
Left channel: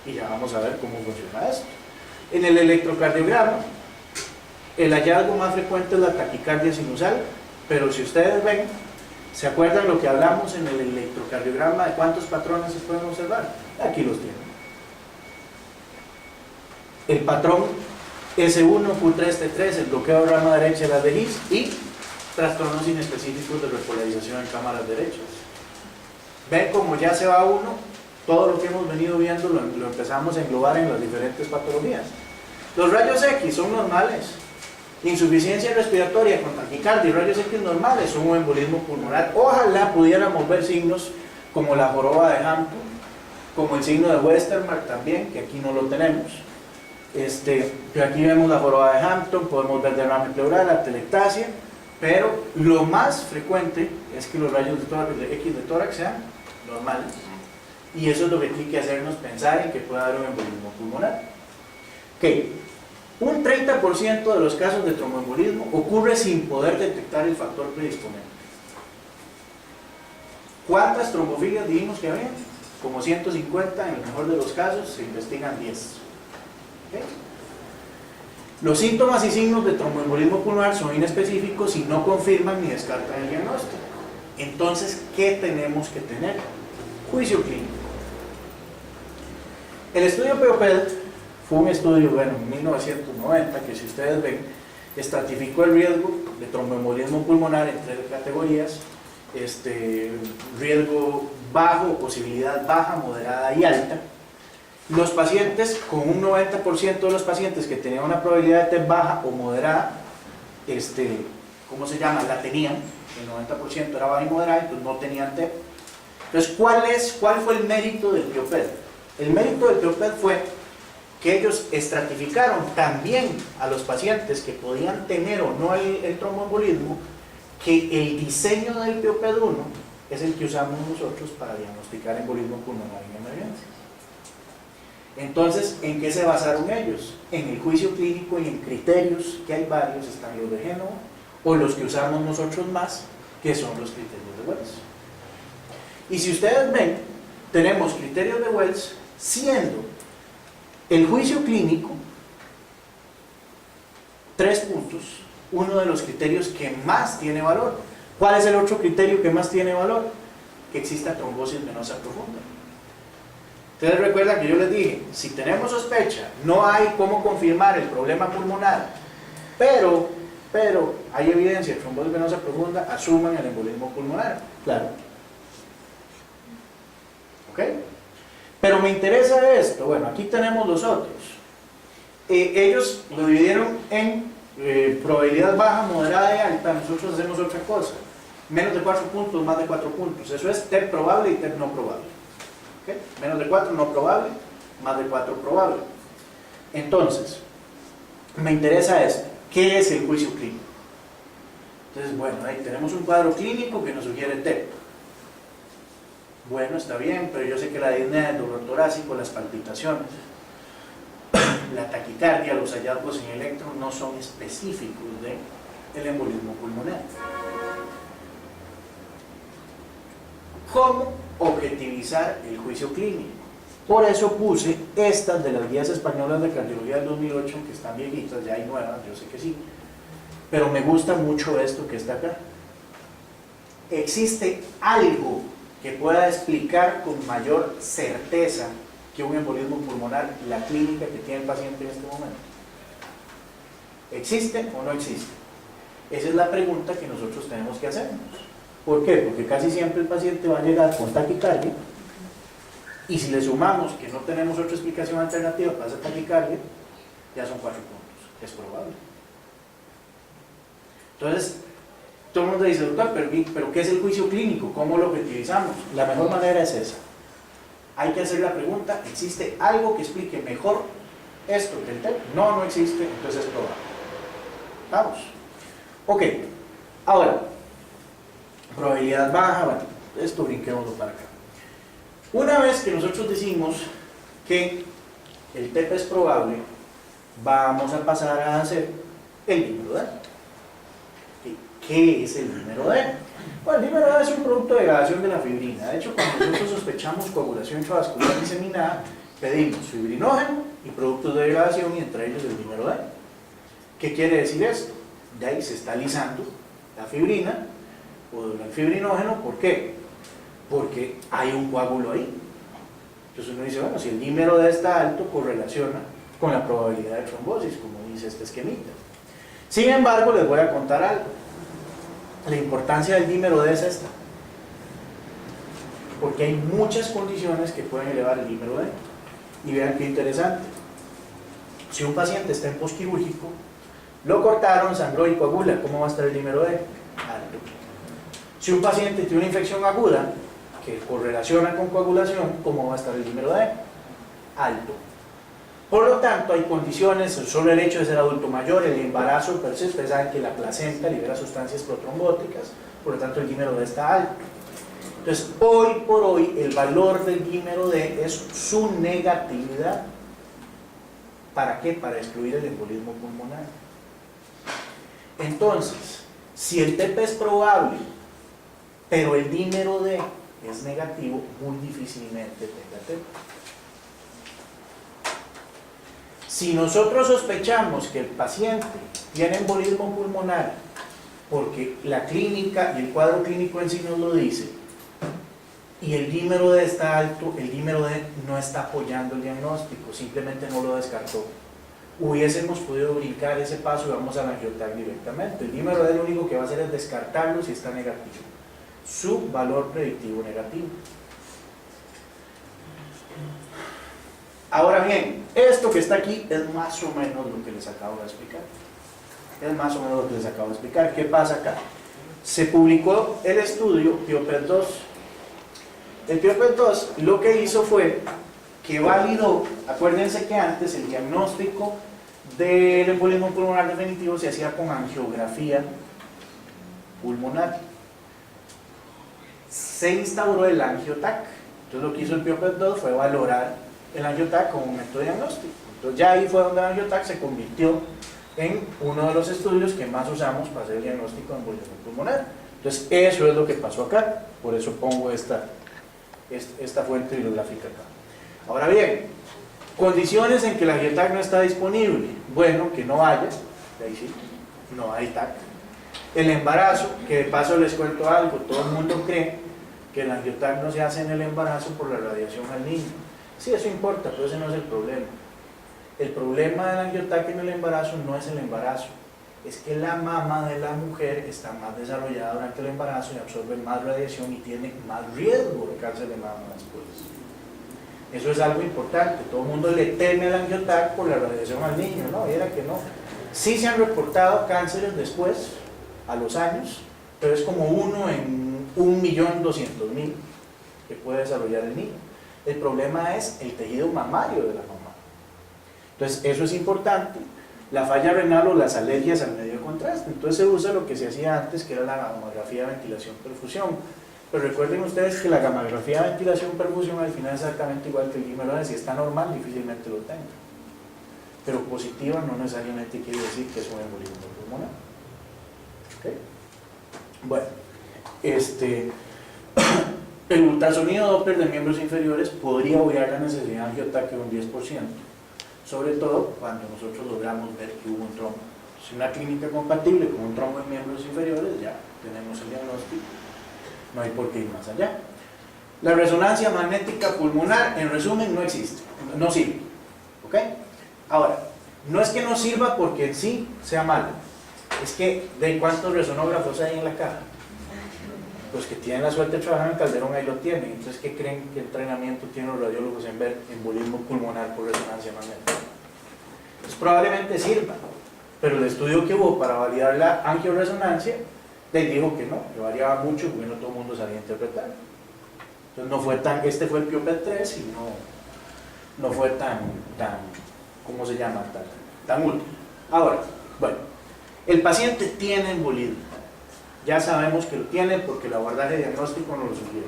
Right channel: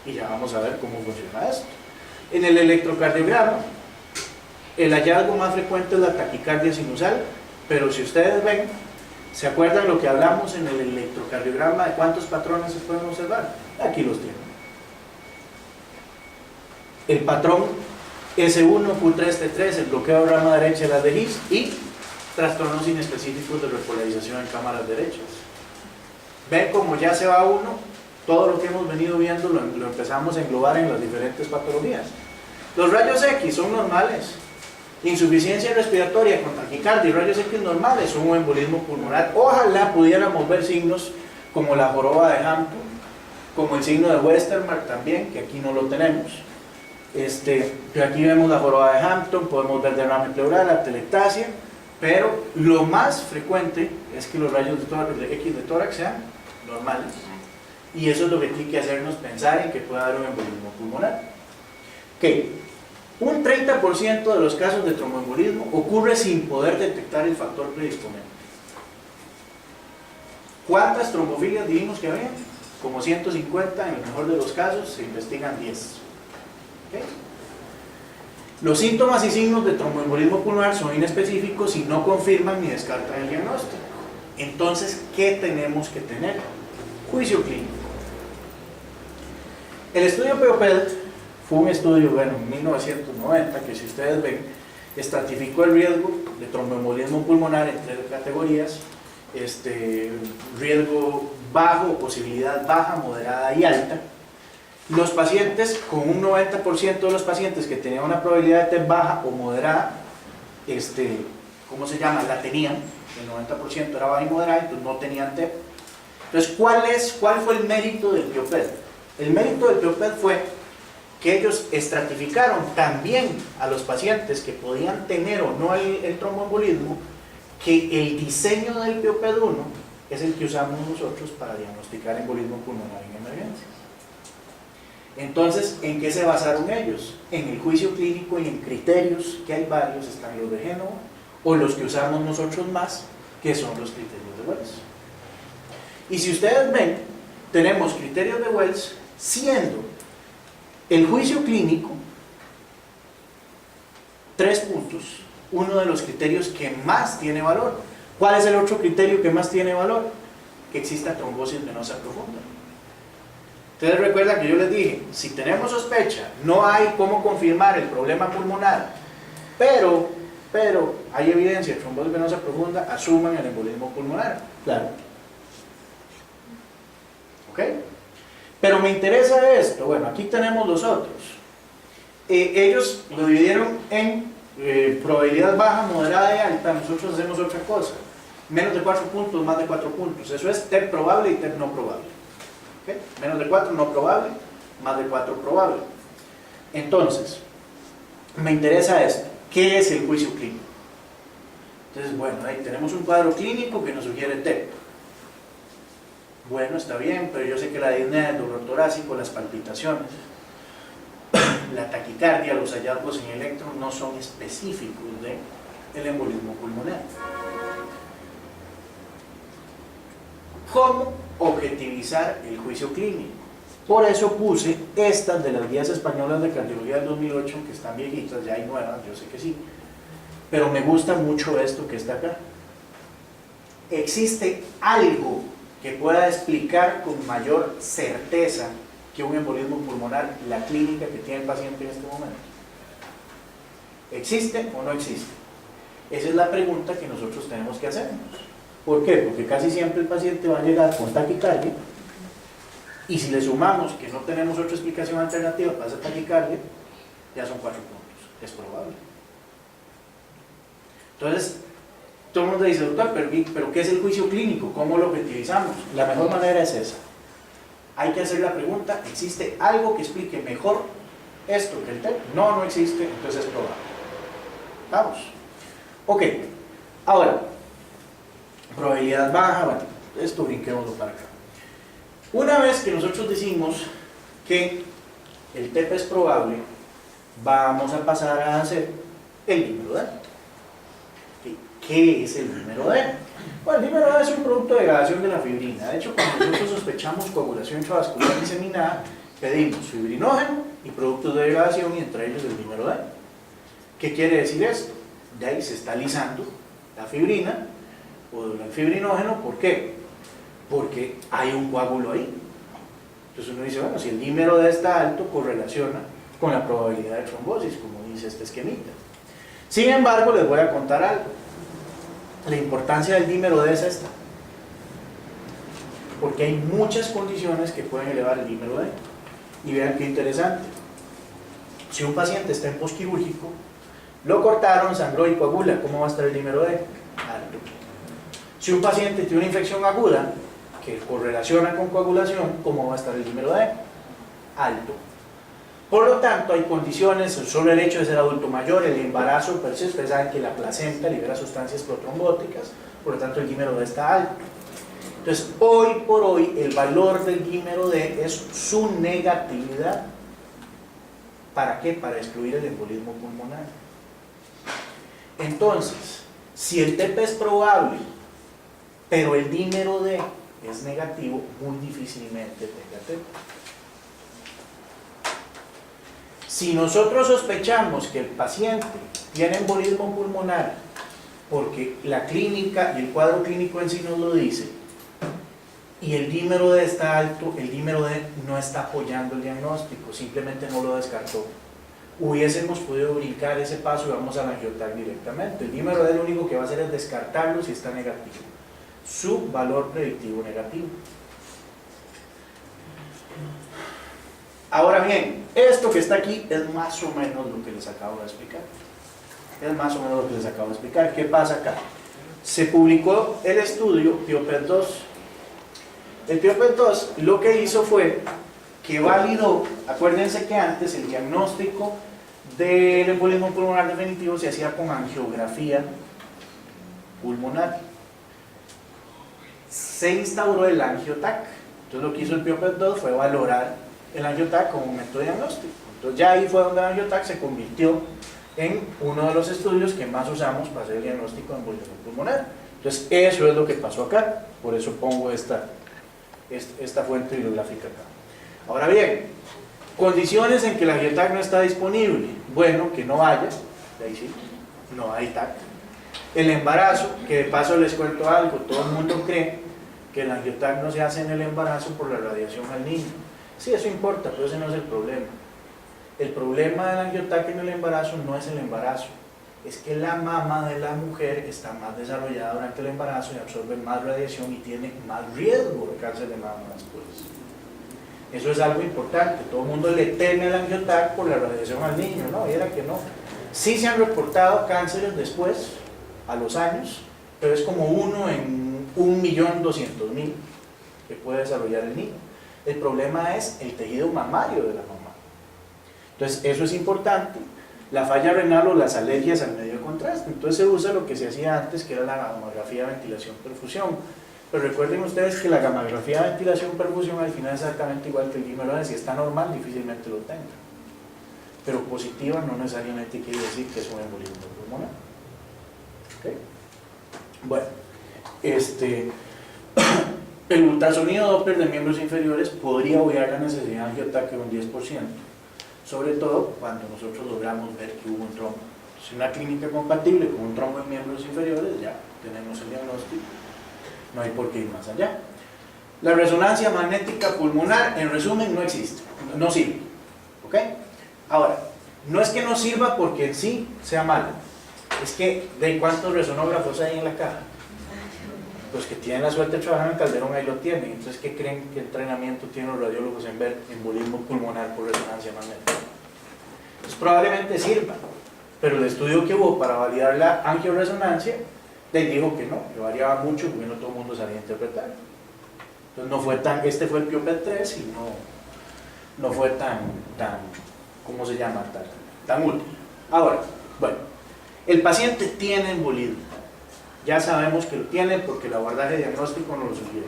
Y ya vamos a ver cómo funciona esto. En el electrocardiograma, el hallazgo más frecuente es la taquicardia sinusal, pero si ustedes ven, ¿se acuerdan lo que hablamos en el electrocardiograma de cuántos patrones se pueden observar? Aquí los tienen. El patrón S1, Q3, T3, el bloqueo de rama derecha de las de His y trastornos inespecíficos de repolarización en cámaras derechas. Ven como ya se va uno, todo lo que hemos venido viendo lo empezamos a englobar en las diferentes patologías. Los rayos X son normales. Insuficiencia respiratoria con taquicardia y rayos X normales son un embolismo pulmonar. Ojalá pudiéramos ver signos como la joroba de Hampton, como el signo de Westermarck también, que aquí no lo tenemos. Pero aquí vemos la joroba de Hampton, podemos ver derrame pleural, atelectasia, pero lo más frecuente es que los rayos de X de tórax sean normales. Y eso es lo que tiene que hacernos pensar en que puede haber un embolismo pulmonar. Okay. Un 30% de los casos de tromboembolismo ocurre sin poder detectar el factor predisponente. ¿Cuántas trombofilias dijimos que había? Como 150, en el mejor de los casos se investigan 10. ¿Okay? Los síntomas y signos de tromboembolismo pulmonar son inespecíficos y no confirman ni descartan el diagnóstico. Entonces, ¿qué tenemos que tener? Juicio clínico. El estudio POPED fue un estudio, en 1990, que si ustedes ven, estratificó el riesgo de tromboembolismo pulmonar en 3 categorías: riesgo bajo, posibilidad baja, moderada y alta. Los pacientes, con un 90% de los pacientes que tenían una probabilidad de TEP baja o moderada, ¿cómo se llama? La tenían, el 90% era baja y moderada, entonces no tenían TEP. Entonces, ¿cuál fue el mérito del POPED? El mérito del POPED fue que ellos estratificaron también a los pacientes que podían tener o no el tromboembolismo, que el diseño del POPED-1 es el que usamos nosotros para diagnosticar embolismo pulmonar en emergencias. Entonces, ¿en qué se basaron ellos? En el juicio clínico y en criterios, que hay varios, están los de Génova, o los que usamos nosotros más, que son los criterios de Wells. Y si ustedes ven, tenemos criterios de Wells, siendo el juicio clínico 3 puntos, uno de los criterios que más tiene valor. ¿Cuál es el otro criterio que más tiene valor? Que exista trombosis venosa profunda. Ustedes recuerdan que yo les dije, si tenemos sospecha, no hay cómo confirmar el problema pulmonar, pero hay evidencia de trombosis venosa profunda, asuman el embolismo pulmonar. Claro. ¿Ok? Pero me interesa esto. Bueno, aquí tenemos los otros. Ellos lo dividieron en probabilidad baja, moderada y alta. Nosotros hacemos otra cosa: menos de 4 puntos, más de 4 puntos. Eso es TEP probable y TEP no probable. ¿Okay? Menos de 4 no probable, más de 4 probable. Entonces, me interesa esto: ¿qué es el juicio clínico? Entonces, bueno, ahí tenemos un cuadro clínico que nos sugiere TEP. Bueno, está bien, pero yo sé que la disnea, el dolor torácico, las palpitaciones, la taquicardia, los hallazgos en electro no son específicos del embolismo pulmonar. ¿Cómo objetivizar el juicio clínico? Por eso puse estas de las guías españolas de cardiología del 2008, que están viejitas, ya hay nuevas, yo sé que sí, pero me gusta mucho esto que está acá. ¿Existe algo que pueda explicar con mayor certeza que un embolismo pulmonar, la clínica que tiene el paciente en este momento? ¿Existe o no existe? Esa es la pregunta que nosotros tenemos que hacernos. ¿Por qué? Porque casi siempre el paciente va a llegar con taquicardia, y si le sumamos que no tenemos otra explicación alternativa para esa taquicardia, ya son 4 puntos, es probable. Entonces, todo el mundo dice, doctor, pero ¿qué es el juicio clínico? ¿Cómo lo objetivizamos? La mejor manera es esa. Hay que hacer la pregunta, ¿existe algo que explique mejor esto que el TEP? No, no existe, entonces es probable. Vamos. Ok, ahora, probabilidad baja, bueno, esto brinquémoslo para acá. Una vez que nosotros decimos que el TEP es probable, vamos a pasar a hacer el número D. ¿Qué es el número D? Bueno, el número D es un producto de degradación de la fibrina. De hecho, cuando nosotros sospechamos coagulación intravascular diseminada, pedimos fibrinógeno y productos de degradación, y entre ellos el número D. ¿Qué quiere decir esto? De ahí se está lisando la fibrina o el fibrinógeno. ¿Por qué? Porque hay un coágulo ahí. Entonces uno dice, bueno, si el número D está alto, correlaciona con la probabilidad de trombosis, como dice este esquemita. Sin embargo, les voy a contar algo. La importancia del dímero D es esta, porque hay muchas condiciones que pueden elevar el dímero D. Y vean qué interesante. Si un paciente está en postquirúrgico, lo cortaron, sangró y coagula, ¿cómo va a estar el dímero D? Alto. Si un paciente tiene una infección aguda que correlaciona con coagulación, ¿cómo va a estar el dímero D? Alto. Por lo tanto, hay condiciones, solo el hecho de ser adulto mayor, el embarazo per se, ustedes saben que la placenta libera sustancias protrombóticas, por lo tanto el dímero D está alto. Entonces, hoy por hoy, el valor del dímero D es su negatividad. ¿Para qué? Para excluir el embolismo pulmonar. Entonces, si el TEP es probable, pero el dímero D es negativo, muy difícilmente tenga TEP. Si nosotros sospechamos que el paciente tiene embolismo pulmonar porque la clínica y el cuadro clínico en sí nos lo dice, y el dímero D está alto, el dímero D no está apoyando el diagnóstico, simplemente no lo descartó. Hubiésemos podido brincar ese paso y vamos a la angioTAC directamente. El dímero D lo único que va a hacer es descartarlo si está negativo. Su valor predictivo negativo. Ahora bien, esto que está aquí es más o menos lo que les acabo de explicar. Es más o menos lo que les acabo de explicar. ¿Qué pasa acá? Se publicó el estudio PIOPED-2. El PIOPED-2 lo que hizo fue que validó, acuérdense que antes el diagnóstico del embolismo pulmonar definitivo se hacía con angiografía pulmonar. Se instauró el angioTAC. Entonces lo que hizo el PIOPED-2 fue valorar el angioTAC como un método diagnóstico. Entonces ya ahí fue donde el angioTAC se convirtió en uno de los estudios que más usamos para hacer el diagnóstico de embolismo pulmonar. Entonces eso es lo que pasó acá, por eso pongo esta fuente bibliográfica acá. Ahora bien, condiciones en que el angioTAC no está disponible. Bueno, que no haya, de ahí sí, no hay TAC. El embarazo, que de paso les cuento algo, todo el mundo cree que el angioTAC no se hace en el embarazo por la radiación al niño. Sí, eso importa, pero ese no es el problema. El problema del angioTAC en el embarazo no es el embarazo, es que la mama de la mujer está más desarrollada durante el embarazo y absorbe más radiación y tiene más riesgo de cáncer de mama después. Eso es algo importante. Todo el mundo le teme al angioTAC por la radiación al niño, ¿no? Y era que no. Sí se han reportado cánceres después, a los años, pero es como 1 en 1.200.000 que puede desarrollar el niño. El problema es el tejido mamario de la mamá. Entonces, eso es importante. La falla renal o las alergias al medio de contraste. Entonces, se usa lo que se hacía antes, que era la gamografía de ventilación-perfusión. Pero recuerden ustedes que la gamografía de ventilación-perfusión al final es exactamente igual que el dímero D. Si está normal, difícilmente lo tenga. Pero positiva no necesariamente quiere decir que es un embolismo pulmonar. ¿Okay? Bueno, el ultrasonido Doppler de miembros inferiores podría obviar la necesidad de angioTAC de un 10%, sobre todo cuando nosotros logramos ver que hubo un trombo. Si una clínica compatible con un trombo en miembros inferiores, ya tenemos el diagnóstico, no hay por qué ir más allá. La resonancia magnética pulmonar, en resumen, no existe, no sirve. ¿Ok? Ahora, no es que no sirva porque en sí sea malo, es que ¿de cuántos resonógrafos hay en la caja? Los que tienen la suerte de trabajar en Calderón ahí lo tienen. Entonces, ¿qué creen que entrenamiento tienen los radiólogos en ver embolismo pulmonar por resonancia magnética? Pues probablemente sirva, pero el estudio que hubo para validar la angioresonancia les dijo que no, que variaba mucho porque no todo el mundo sabía interpretar. Entonces no fue tan, este fue el PIOPED 3 y no fue tan, ¿cómo se llama? Tan útil. Ahora, bueno, el paciente tiene embolismo, ya sabemos que lo tiene porque el abordaje diagnóstico nos lo sugiere.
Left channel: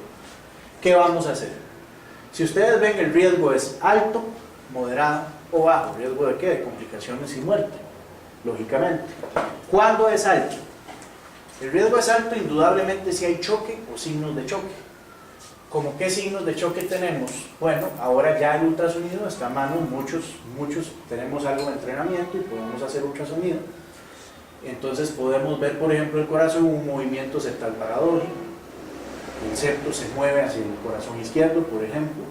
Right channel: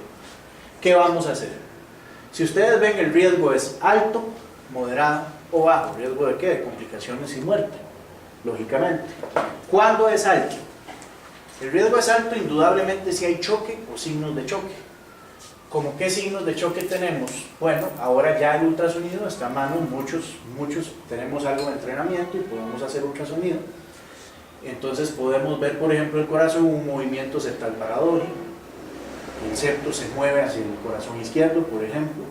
¿Qué vamos a hacer? Si ustedes ven, el riesgo es alto, moderado o bajo. ¿Riesgo de qué? De complicaciones y muerte, lógicamente. ¿Cuándo es alto? El riesgo es alto indudablemente si hay choque o signos de choque. ¿Cómo qué signos de choque tenemos? Bueno, ahora ya el ultrasonido está a mano, muchos tenemos algo de entrenamiento y podemos hacer ultrasonido. Entonces podemos ver, por ejemplo, el corazón, un movimiento septal paradójico, el septo se mueve hacia el corazón izquierdo, por ejemplo.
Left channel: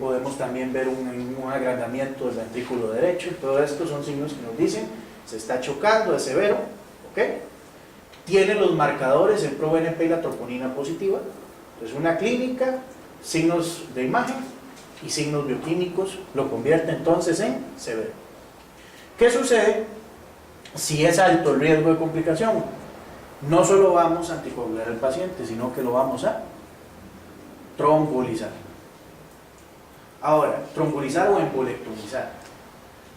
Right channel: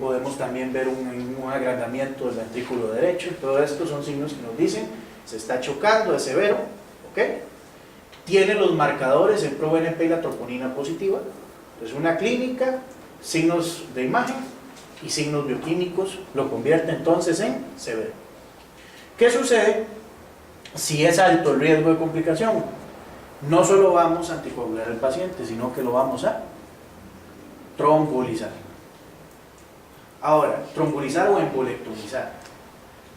Podemos también ver un agrandamiento del ventrículo derecho. Todo esto son signos que nos dicen se está chocando, es severo, ¿ok? Tiene los marcadores en ProBNP y la troponina positiva. Entonces una clínica, signos de imagen y signos bioquímicos lo convierte entonces en severo. ¿Qué sucede si es alto el riesgo de complicación? No solo vamos a anticoagular al paciente, sino que lo vamos a trombolizar. Ahora, trombolizar o embolectomizar.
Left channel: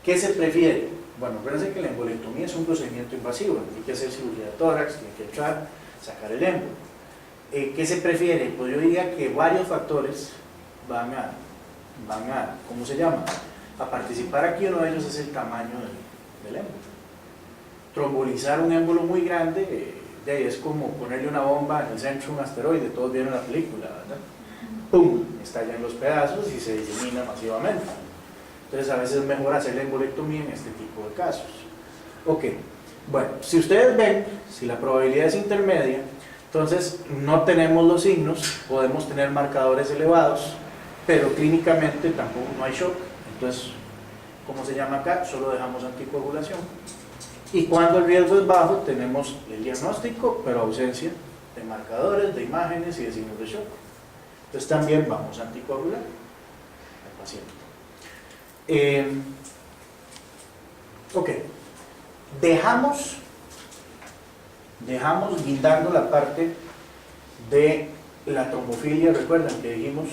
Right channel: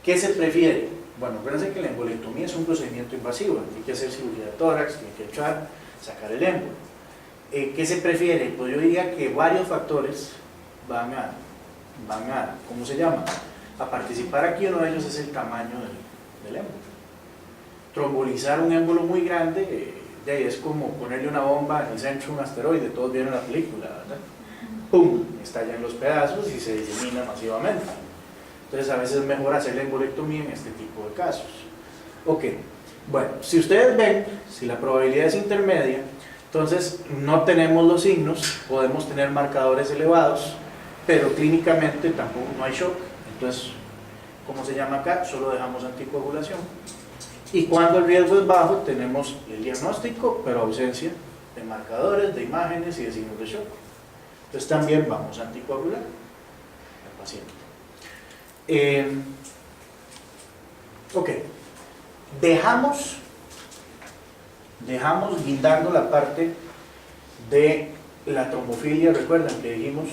¿Qué se prefiere? Bueno, acuérdense que la embolectomía es un procedimiento invasivo, hay que hacer cirugía de tórax, tiene que echar, sacar el émbolo. ¿Qué se prefiere? Pues yo diría que varios factores van a ¿cómo se llama? A participar aquí. Uno de ellos es el tamaño del émbolo. Trombolizar un émbolo muy grande es como ponerle una bomba en el centro de un asteroide. Todos vieron la película, ¿verdad? ¡Pum! Estallan los pedazos y se disemina masivamente. Entonces a veces es mejor hacer la embolectomía en este tipo de casos. Ok, bueno, si ustedes ven, si la probabilidad es intermedia, entonces no tenemos los signos, podemos tener marcadores elevados, pero clínicamente tampoco no hay shock. Entonces, ¿cómo se llama acá? Solo dejamos anticoagulación. Y cuando el riesgo es bajo, tenemos el diagnóstico, pero ausencia de marcadores, de imágenes y de signos de shock. Entonces también vamos a anticoagular al paciente. Ok, dejamos guindando la parte de la trombofilia. Recuerdan que dijimos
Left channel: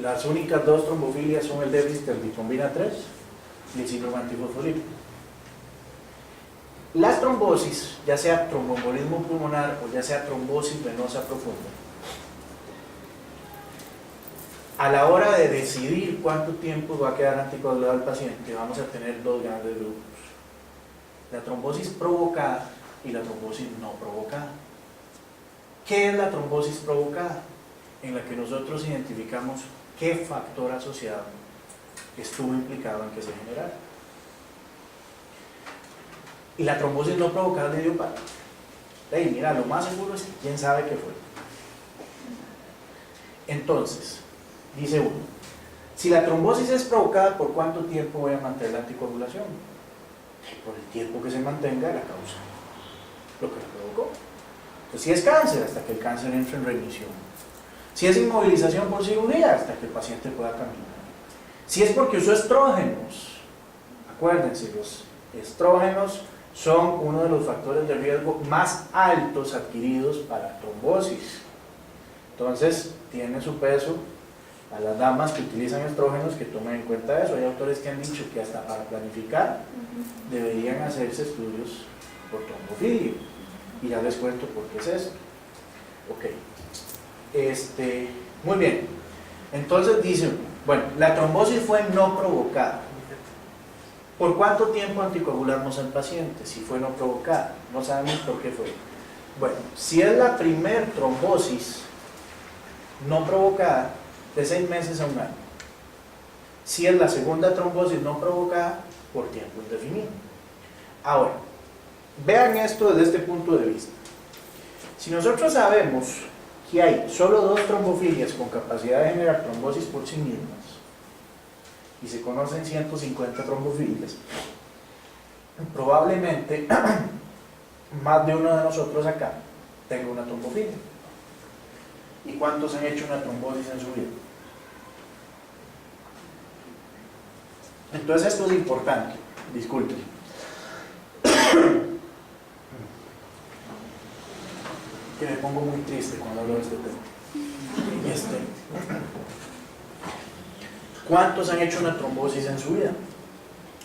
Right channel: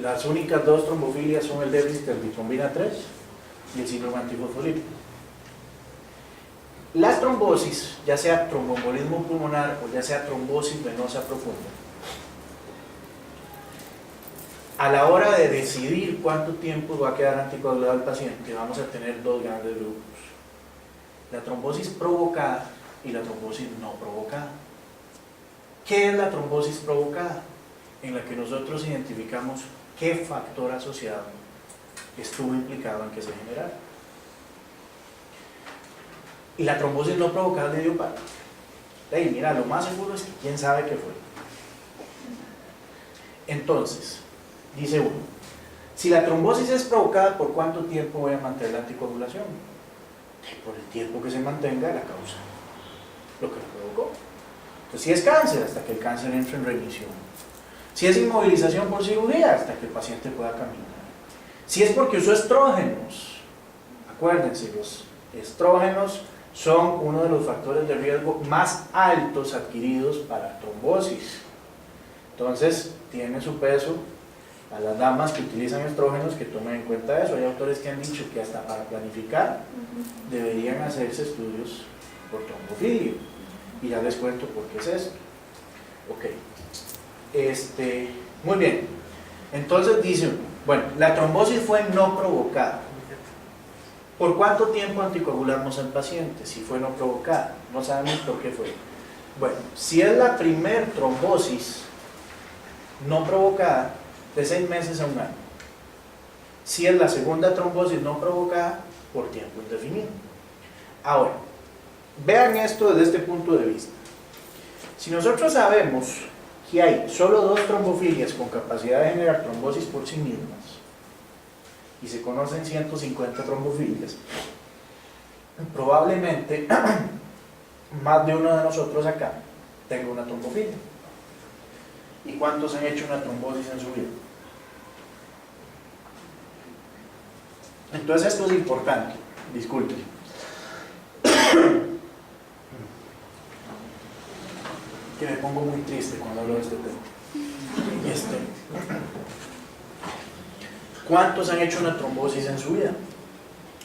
las únicas dos trombofilias son el déficit del bitrombina 3 y el síndrome antifosfolípico. Las trombosis, ya sea tromboembolismo pulmonar o ya sea trombosis venosa profunda, a la hora de decidir cuánto tiempo va a quedar anticoagulado el paciente, vamos a tener dos grandes grupos: la trombosis provocada y la trombosis no provocada. ¿Qué es la trombosis provocada? En la que nosotros identificamos qué factor asociado estuvo implicado en que se generara. Y la trombosis no provocada es idiopática. Mira, lo más seguro es que quién sabe qué fue. Entonces, dice uno, si la trombosis es provocada, ¿por cuánto tiempo voy a mantener la anticoagulación? Por el tiempo que se mantenga la causa, lo que la provocó. Entonces, si es cáncer, hasta que el cáncer entre en remisión. Si es inmovilización por cirugía, hasta que el paciente pueda caminar. Si es porque usó estrógenos, acuérdense, los estrógenos son uno de los factores de riesgo más altos adquiridos para trombosis. Entonces, tiene su peso a las damas que utilizan estrógenos que tomen en cuenta eso. Hay autores que han dicho que hasta para planificar deberían hacerse estudios por trombofilia. Y ya les cuento por qué es esto. Ok. Muy bien. Entonces dice, bueno, la trombosis fue no provocada. ¿Por cuánto tiempo anticoagulamos al paciente? Si fue no provocada, no sabemos por qué fue. Bueno, si es la primer trombosis no provocada, de 6 meses a 1 año. Si es la segunda trombosis no provocada, por tiempo indefinido. Ahora, vean esto desde este punto de vista. Si nosotros sabemos que hay solo 2 trombofilias con capacidad de generar trombosis por sí mismas, y se conocen 150 trombofilias, probablemente más de uno de nosotros acá tenga una trombofilia. ¿Y cuántos han hecho una trombosis en su vida? Entonces esto es importante, disculpen. Que me pongo muy triste cuando hablo de este tema. ¿Cuántos han hecho una trombosis en su vida?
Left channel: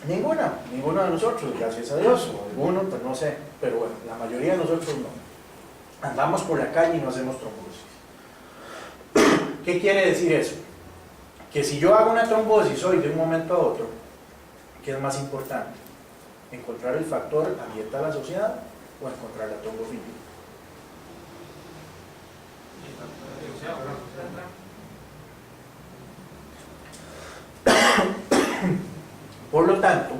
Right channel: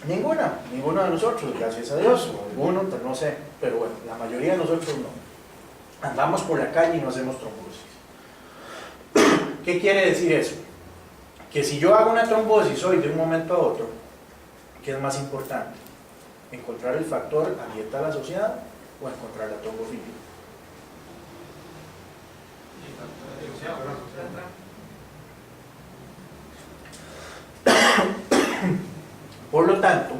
Ninguno de nosotros, gracias a Dios, o alguno, pues no sé, pero bueno, la mayoría de nosotros no. Andamos por la calle y no hacemos trombosis. ¿Qué quiere decir eso? Que si yo hago una trombosis hoy de un momento a otro, ¿qué es más importante? ¿Encontrar el factor ambiental asociado o encontrar la trombofilia? Por lo tanto,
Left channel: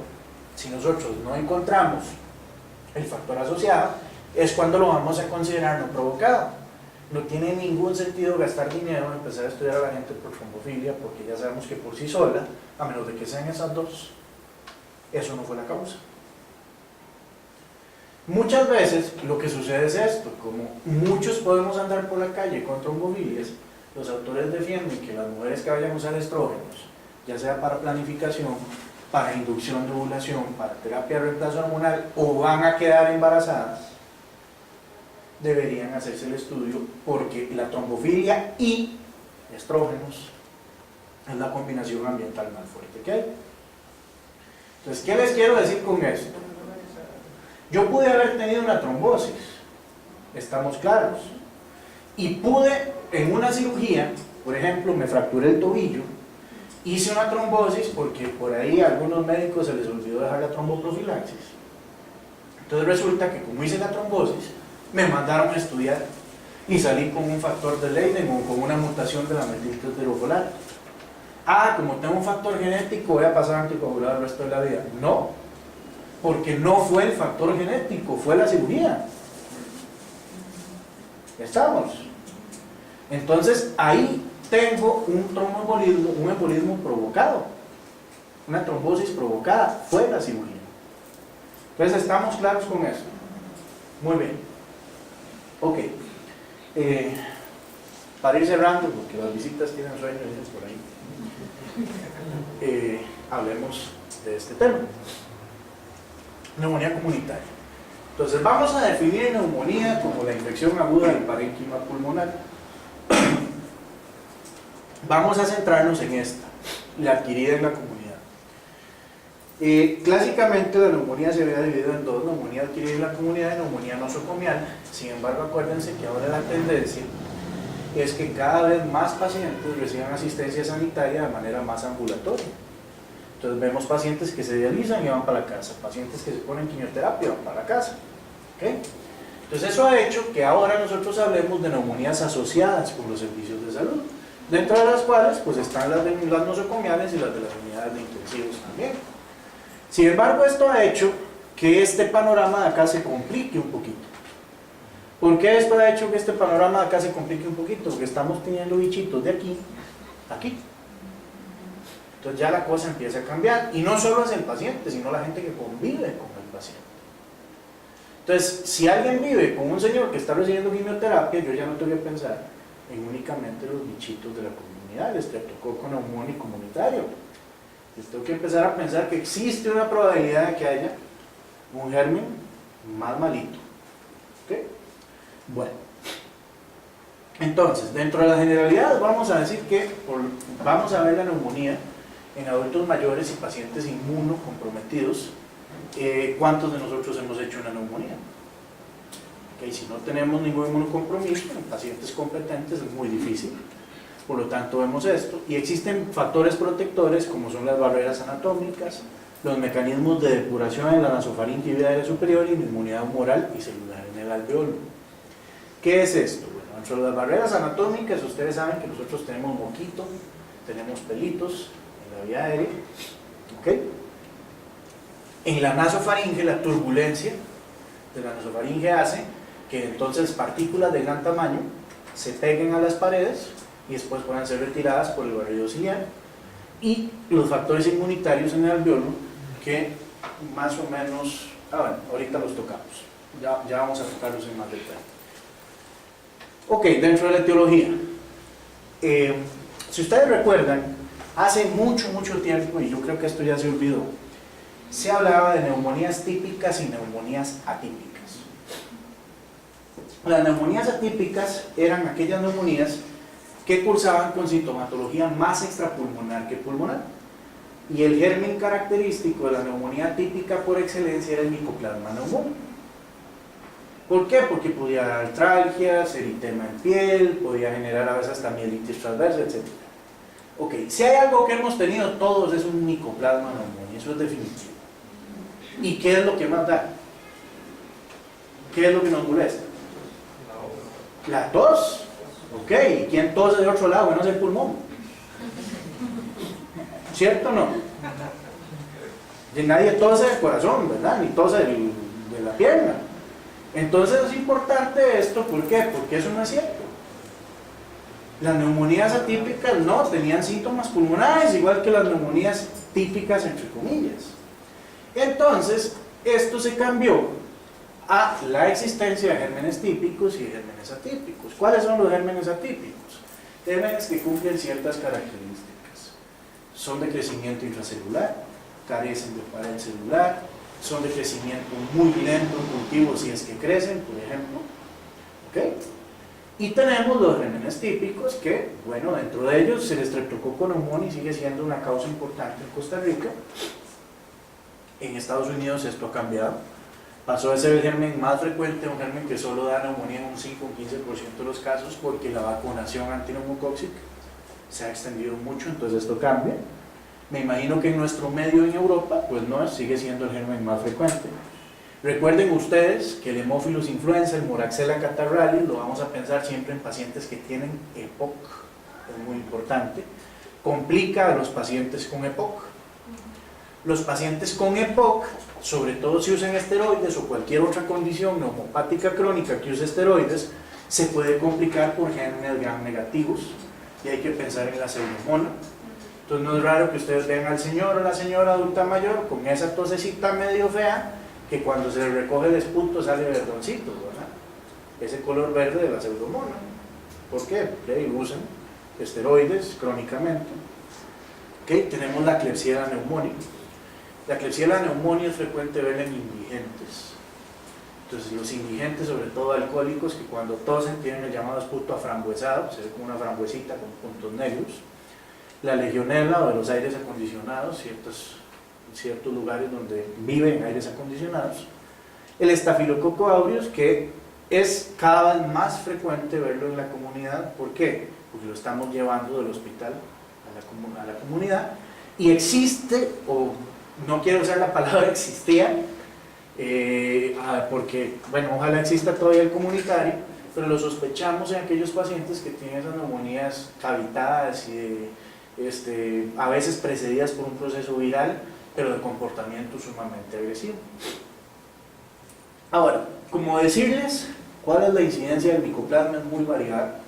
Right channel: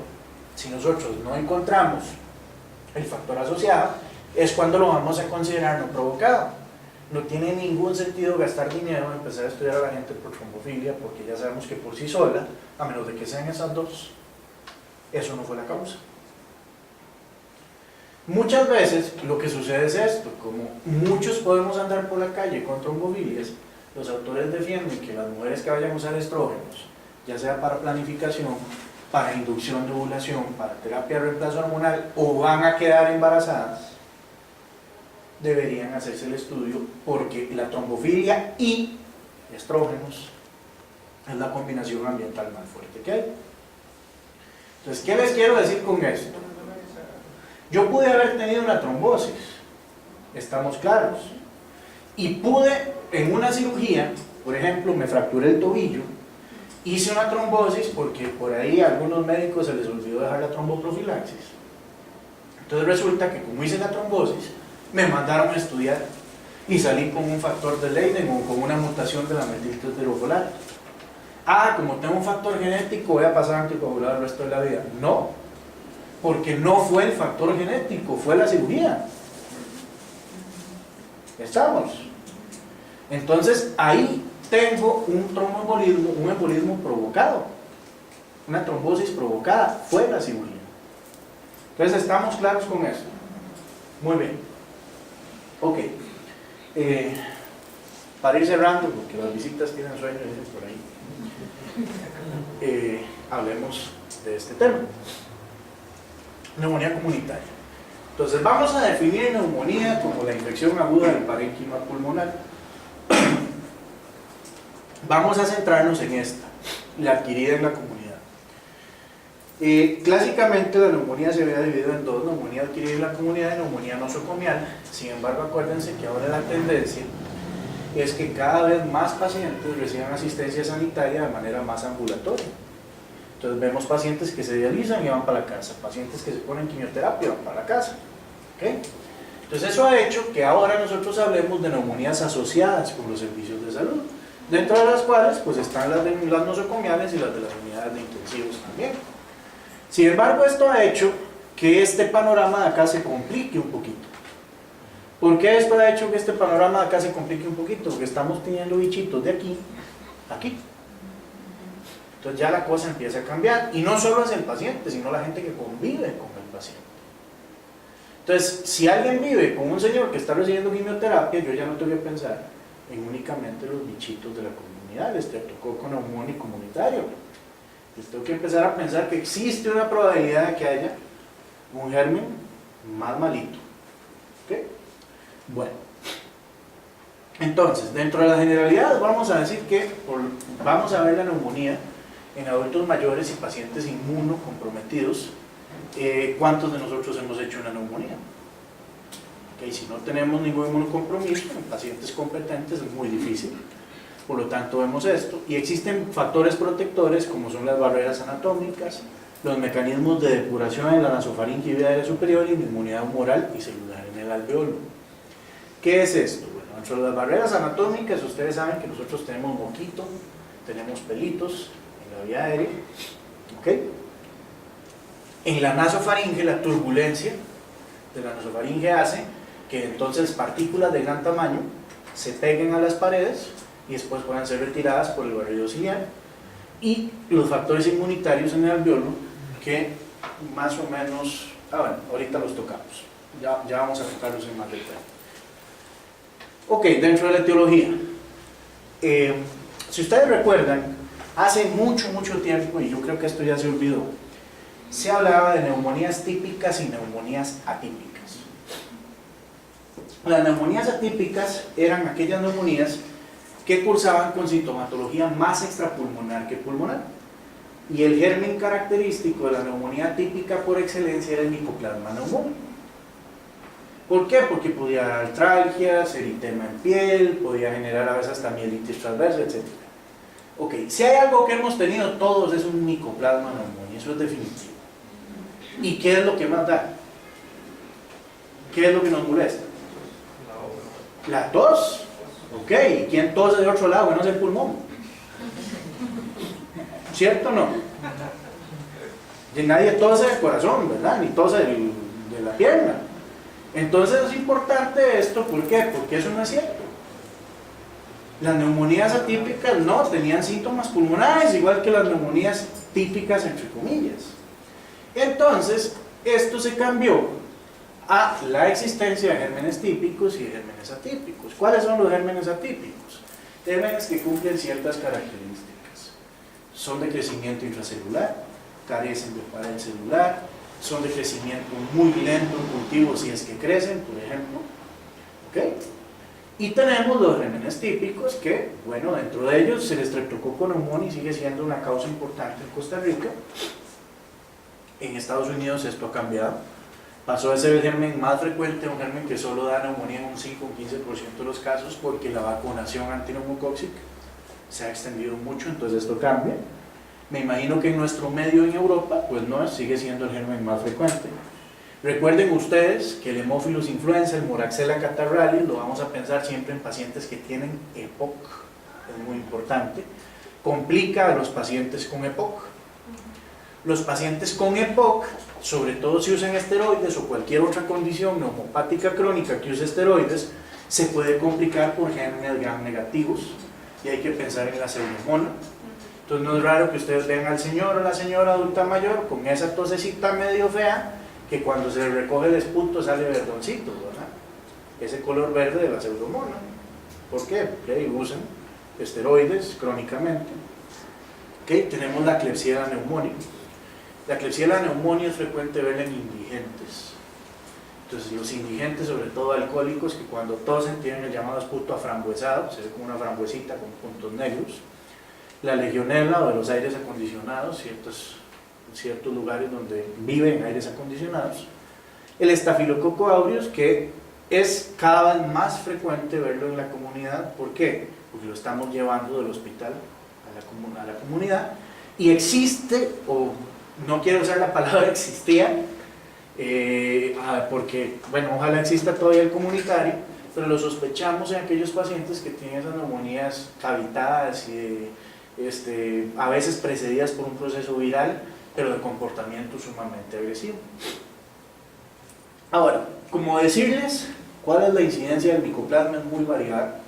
si nosotros no encontramos el factor asociado, es cuando lo vamos a considerar no provocado. No tiene ningún sentido gastar dinero en empezar a estudiar a la gente por trombofilia, porque ya sabemos que por sí sola, a menos de que sean esas dos, eso no fue la causa. Muchas veces lo que sucede es esto: como muchos podemos andar por la calle con trombofilias, los autores defienden que las mujeres que vayan a usar estrógenos, ya sea para planificación, para inducción de ovulación, para terapia de reemplazo hormonal, o van a quedar embarazadas, deberían hacerse el estudio, porque la trombofilia y estrógenos es la combinación ambiental más fuerte que hay. Entonces, ¿qué les quiero decir con esto? Yo pude haber tenido una trombosis, estamos claros, y pude en una cirugía, por ejemplo, me fracturé el tobillo, hice una trombosis porque por ahí a algunos médicos se les olvidó dejar la tromboprofilaxis. Entonces resulta que como hice la trombosis, me mandaron a estudiar y salí con un factor de Leiden o con una mutación de la metiltetrofolar. Ah, como tengo un factor genético, voy a pasar anticoagulado el resto de la vida. No, porque no fue el factor genético, fue la cirugía. ¿Estamos? Entonces ahí tengo un tromboembolismo, un embolismo provocado, una trombosis provocada, fue la cirugía. Entonces estamos claros con eso. Muy bien. Ok. Para ir cerrando, porque las visitas tienen sueño, dicen por ahí, hablemos de este tema. Neumonía comunitaria. Entonces vamos a definir neumonía como la infección aguda del parénquima pulmonar. Vamos a centrarnos en esta, la adquirida en la comunidad. Clásicamente la neumonía se había dividido en dos: neumonía adquirida en la comunidad y neumonía nosocomial. Sin embargo, acuérdense que ahora la tendencia es que cada vez más pacientes reciban asistencia sanitaria de manera más ambulatoria. Entonces vemos pacientes que se dializan y van para la casa, pacientes que se ponen quimioterapia y van para la casa. ¿Okay? Entonces eso ha hecho que ahora nosotros hablemos de neumonías asociadas con los servicios de salud, dentro de las cuales pues están las nosocomiales y las de las unidades de intensivos también. Sin embargo, esto ha hecho que este panorama de acá se complique un poquito. ¿Por qué esto ha hecho que este panorama de acá se complique un poquito? Porque estamos teniendo bichitos de aquí a aquí. Entonces ya la cosa empieza a cambiar, y no solo es el paciente, sino la gente que convive con el paciente. Entonces, si alguien vive con un señor que está recibiendo quimioterapia, yo ya no tengo que pensar en únicamente los bichitos de la comunidad, el estreptococo neumónico comunitario. Yo tengo que empezar a pensar que existe una probabilidad de que haya un germen más malito. ¿Okay? Bueno, entonces, dentro de las generalidades vamos a decir que vamos a ver la neumonía en adultos mayores y pacientes inmunocomprometidos. ¿Cuántos de nosotros hemos hecho una neumonía? Okay, si no tenemos ningún inmunocompromiso, en pacientes competentes es muy difícil. Por lo tanto vemos esto, y existen factores protectores como son las barreras anatómicas, los mecanismos de depuración en la nasofaringe y vía aérea superior, y la inmunidad humoral y celular en el alveolo. ¿Qué es esto? Bueno, dentro de las barreras anatómicas ustedes saben que nosotros tenemos moquito, tenemos pelitos en la vía aérea, ¿okay? En la nasofaringe, la turbulencia de la nasofaringe hace que entonces partículas de gran tamaño se peguen a las paredes y después puedan ser retiradas por el barrido ciliar, y los factores inmunitarios en el alveolo que más o menos, bueno, ahorita los tocamos, ya vamos a tocarlos en más detalle. Ok, dentro de la etiología, si ustedes recuerdan, hace mucho tiempo, y yo creo que esto ya se olvidó, se hablaba de neumonías típicas y neumonías atípicas. Las neumonías atípicas eran aquellas neumonías que cursaban con sintomatología más extrapulmonar que pulmonar. Y el germen característico de la neumonía típica por excelencia era el Mycoplasma pneumoniae. ¿Por qué? Porque podía dar artralgias, eritema en piel, podía generar a veces hasta mielitis transversa, etc. Ok, si hay algo que hemos tenido todos es un Mycoplasma pneumoniae, eso es definitivo. ¿Y qué es lo que más da? ¿Qué es lo que nos molesta? La tos. Ok, ¿y quién tose de otro lado que no es el pulmón? ¿Cierto o no? Y nadie tose del corazón, ¿verdad? Ni tose de la pierna. Entonces es importante esto, ¿por qué? Porque eso no es cierto. Las neumonías atípicas no tenían síntomas pulmonares, igual que las neumonías típicas, entre comillas. Entonces, esto se cambió a la existencia de gérmenes típicos y de gérmenes atípicos. ¿Cuáles son los gérmenes atípicos? Gérmenes que cumplen ciertas características. Son de crecimiento intracelular, carecen de pared celular, son de crecimiento muy lento en cultivos si es que crecen, por ejemplo. ¿Okay? Y tenemos los gérmenes típicos que, bueno, dentro de ellos el Streptococcus pneumoniae sigue siendo una causa importante en Costa Rica. En Estados Unidos esto ha cambiado. Pasó de ser el germen más frecuente a un germen que solo da neumonía en un 5 o 15% de los casos, porque la vacunación antineumocóxica se ha extendido mucho, entonces esto cambia. Me imagino que en nuestro medio en Europa, pues no, sigue siendo el germen más frecuente. Recuerden ustedes que el Haemophilus influenza, el Moraxella catarrhalis, lo vamos a pensar siempre en pacientes que tienen EPOC, es muy importante. Complica a los pacientes con EPOC. Los pacientes con EPOC, sobre todo si usan esteroides o cualquier otra condición neumopática crónica que use esteroides, se puede complicar por gérmenes gram negativos y hay que pensar en la pseudomonas. Entonces no es raro que ustedes vean al señor o la señora adulta mayor con esa tosecita medio fea, que cuando se le recoge el esputo sale verdoncito, ¿verdad? Ese color verde de la pseudomonas. ¿Por qué? Porque usan esteroides crónicamente. ¿Okay? Tenemos la Klebsiella pneumoniae. La Klebsiella pneumoniae es frecuente verla en indigentes. Entonces los indigentes, sobre todo alcohólicos, que cuando tosen tienen el llamado esputo aframbuesado, se ve como una frambuesita con puntos negros. La legionela o de los aires acondicionados, ciertos lugares donde viven aires acondicionados. El Staphylococcus aureus, que es cada vez más frecuente verlo en la comunidad. ¿Por qué? Porque lo estamos llevando del hospital a la comunidad, y existe, o no quiero usar la palabra existía, porque, bueno, ojalá exista todavía el comunitario, pero lo sospechamos en aquellos pacientes que tienen esas neumonías cavitadas y a veces precedidas por un proceso viral, pero de comportamiento sumamente agresivo. Ahora, como decirles cuál es la incidencia del micoplasma es muy variada.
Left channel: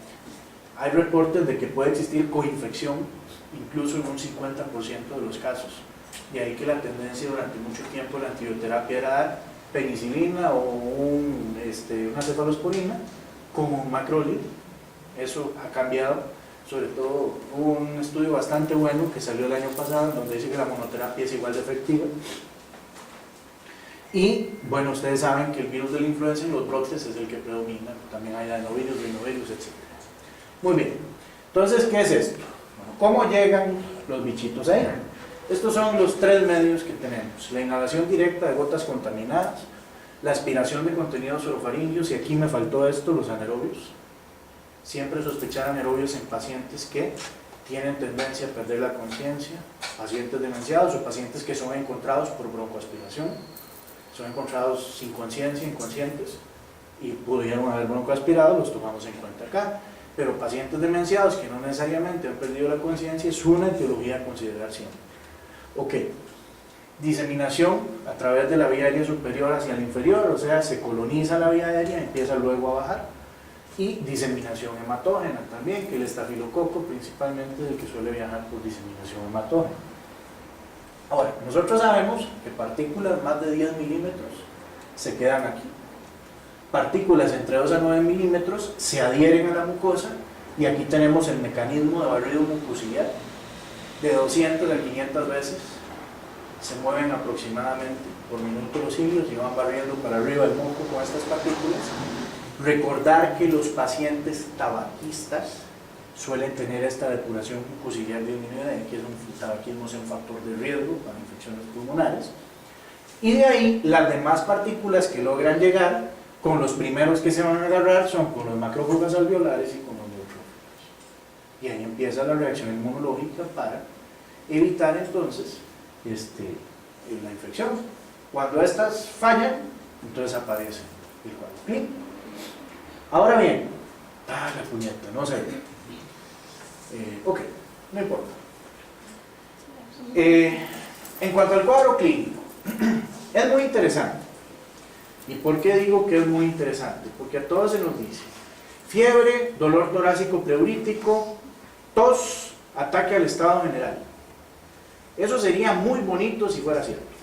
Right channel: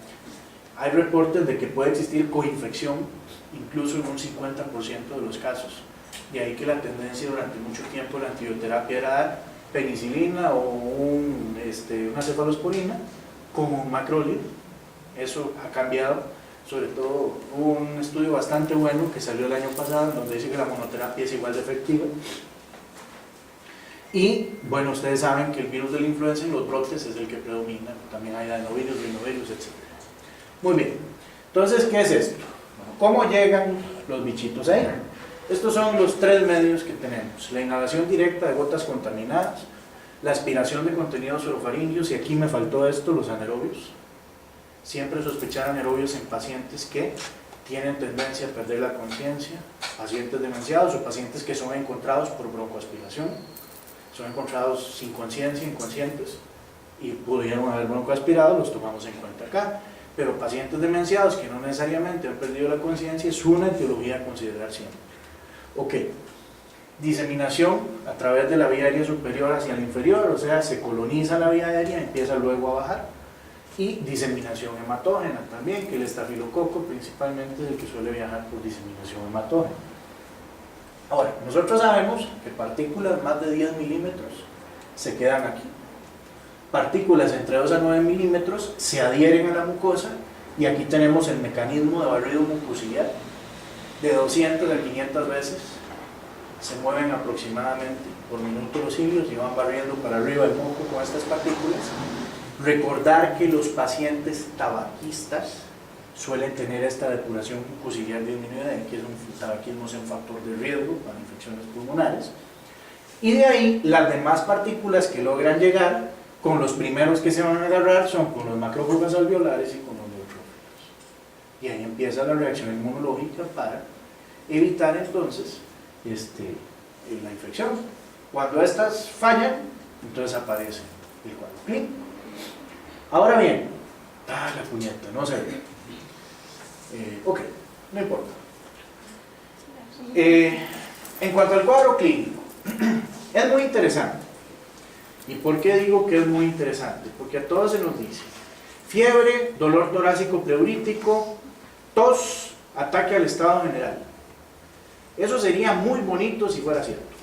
Hay reportes de que puede existir coinfección incluso en un 50% de los casos. De ahí que la tendencia durante mucho tiempo la antibioterapia era dar penicilina o una cefalosporina con un macrolide. Eso ha cambiado, sobre todo hubo un estudio bastante bueno que salió el año pasado donde dice que la monoterapia es igual de efectiva. Y bueno, ustedes saben que el virus de la influenza en los brotes es el que predomina, también hay adenovirus, rinovirus, etc. Muy bien, entonces, ¿qué es esto? ¿Cómo llegan los bichitos ahí? Estos son los tres medios que tenemos: la inhalación directa de gotas contaminadas, la aspiración de contenidos orofaringios, y aquí me faltó esto, los anaerobios. Siempre sospechar anaerobios en pacientes que tienen tendencia a perder la conciencia, pacientes demenciados o pacientes que son encontrados por broncoaspiración, son encontrados sin conciencia, inconscientes, y pudieron haber broncoaspirado, los tomamos en cuenta acá. Pero pacientes demenciados que no necesariamente han perdido la conciencia es una etiología a considerar siempre. Ok, diseminación a través de la vía aérea superior hacia la inferior, o sea, se coloniza la vía aérea y empieza luego a bajar. Y diseminación hematógena también, que el estafilococo principalmente es el que suele viajar por diseminación hematógena. Ahora, nosotros sabemos que partículas más de 10 milímetros se quedan aquí. partículas entre 2 a 9 milímetros se adhieren a la mucosa, y aquí tenemos el mecanismo de barrido mucociliar. De 200 a 500 veces se mueven aproximadamente por minuto los cilios y van barriendo para arriba el moco con estas partículas. Recordar que los pacientes tabaquistas suelen tener esta depuración mucociliar disminuida, que es un tabaquismo, es un factor de riesgo para infecciones pulmonares. Y de ahí las demás partículas que logran llegar, con los primeros que se van a agarrar son con los macrófagos alveolares y con los neutrófilos. Y ahí empieza la reacción inmunológica para evitar entonces la infección. Cuando estas fallan, entonces aparece el cuadro clínico. Ahora bien, la puñeta, no sé. Ok, no importa. En cuanto al cuadro clínico, es muy interesante. ¿Y por qué digo que es muy interesante? Porque a todos se nos dice fiebre, dolor torácico pleurítico, tos, ataque al estado general. Eso sería muy bonito si fuera cierto.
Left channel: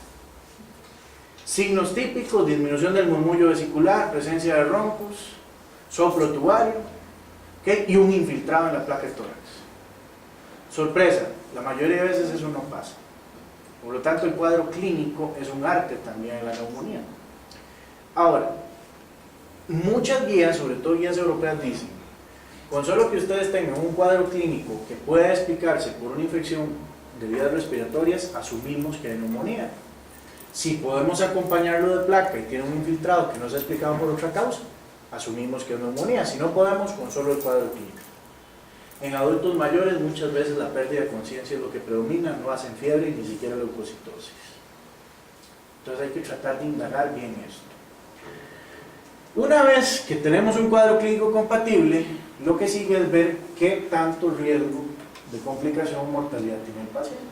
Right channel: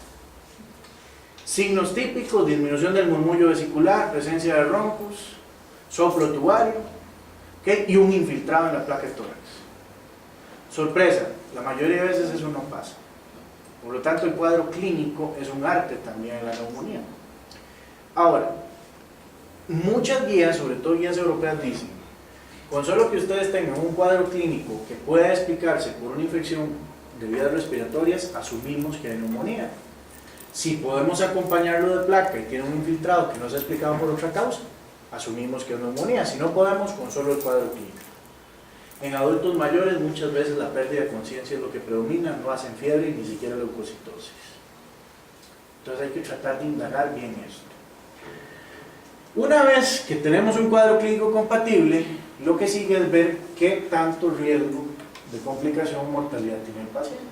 Signos típicos: disminución del murmullo vesicular, presencia de roncos, soplo tubario, ¿okay? Y un infiltrado en la placa del tórax. Sorpresa, la mayoría de veces eso no pasa. Por lo tanto, el cuadro clínico es un arte también en la neumonía. Ahora, muchas guías, sobre todo guías europeas, dicen: con solo que ustedes tengan un cuadro clínico que pueda explicarse por una infección de vías respiratorias, asumimos que hay neumonía. Si podemos acompañarlo de placa y tiene un infiltrado que no se ha explicado por otra causa, asumimos que es neumonía. Si no podemos, con solo el cuadro clínico. En adultos mayores muchas veces la pérdida de conciencia es lo que predomina, no hacen fiebre y ni siquiera leucocitosis. Entonces hay que tratar de indagar bien esto. Una vez que tenemos un cuadro clínico compatible, lo que sigue es ver qué tanto riesgo de complicación o mortalidad tiene el paciente.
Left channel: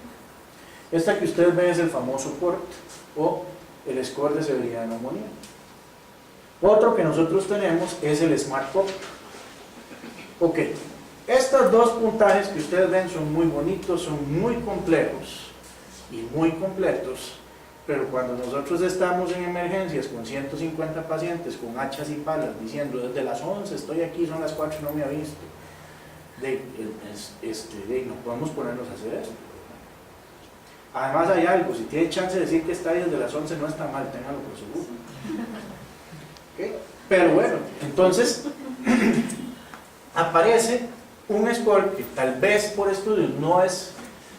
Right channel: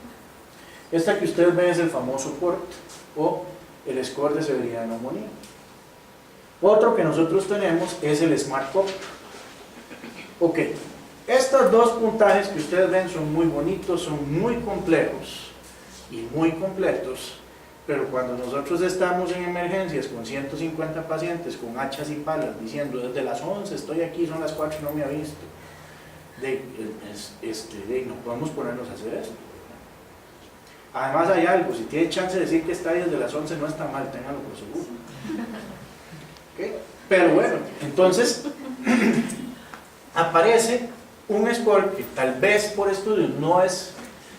Esta que ustedes ven es el famoso PORT, o el score de severidad de neumonía. Otro que nosotros tenemos es el SMART-CoV. Ok, estos dos puntajes que ustedes ven son muy bonitos, son muy complejos y muy completos, pero cuando nosotros estamos en emergencias con 150 pacientes con hachas y palas diciendo desde las 11 estoy aquí, son las 4 y no me ha visto, no podemos ponernos a hacer esto. Además hay algo: si tiene chance de decir que está ahí desde las 11 no está mal, ténganlo por seguro. ¿Okay? Pero bueno, entonces aparece un score que tal vez por estudios no es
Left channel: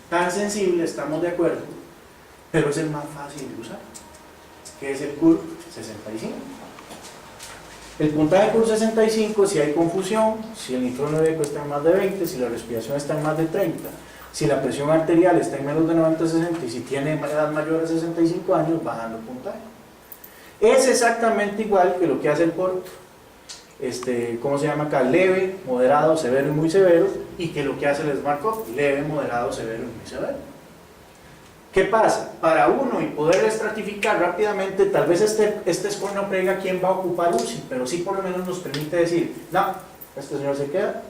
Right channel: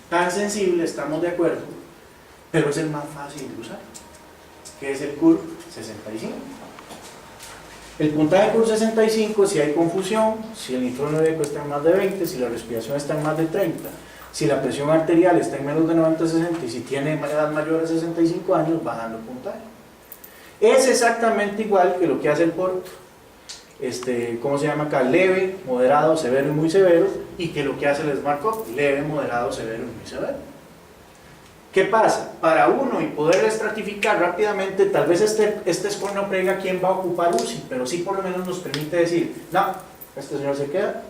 tan sensible, estamos de acuerdo, pero es el más fácil de usar, que es el CUR 65. El puntaje CUR 65, si hay confusión, si el nitrógeno eco está en más de 20, si la respiración está en más de 30, si la presión arterial está en menos de 90-60 y si tiene edad mayor a 65 años, bajando el puntaje. Es exactamente igual que lo que hace el PORT, ¿cómo se llama acá? Leve, moderado, severo y muy severo, y que lo que hace el SMART-CoV, leve, moderado, severo y muy severo. ¿Qué pasa? Para uno y poder estratificar rápidamente, tal vez este score no prega quién va a ocupar UCI, pero sí por lo menos nos permite decir: no, este señor se queda,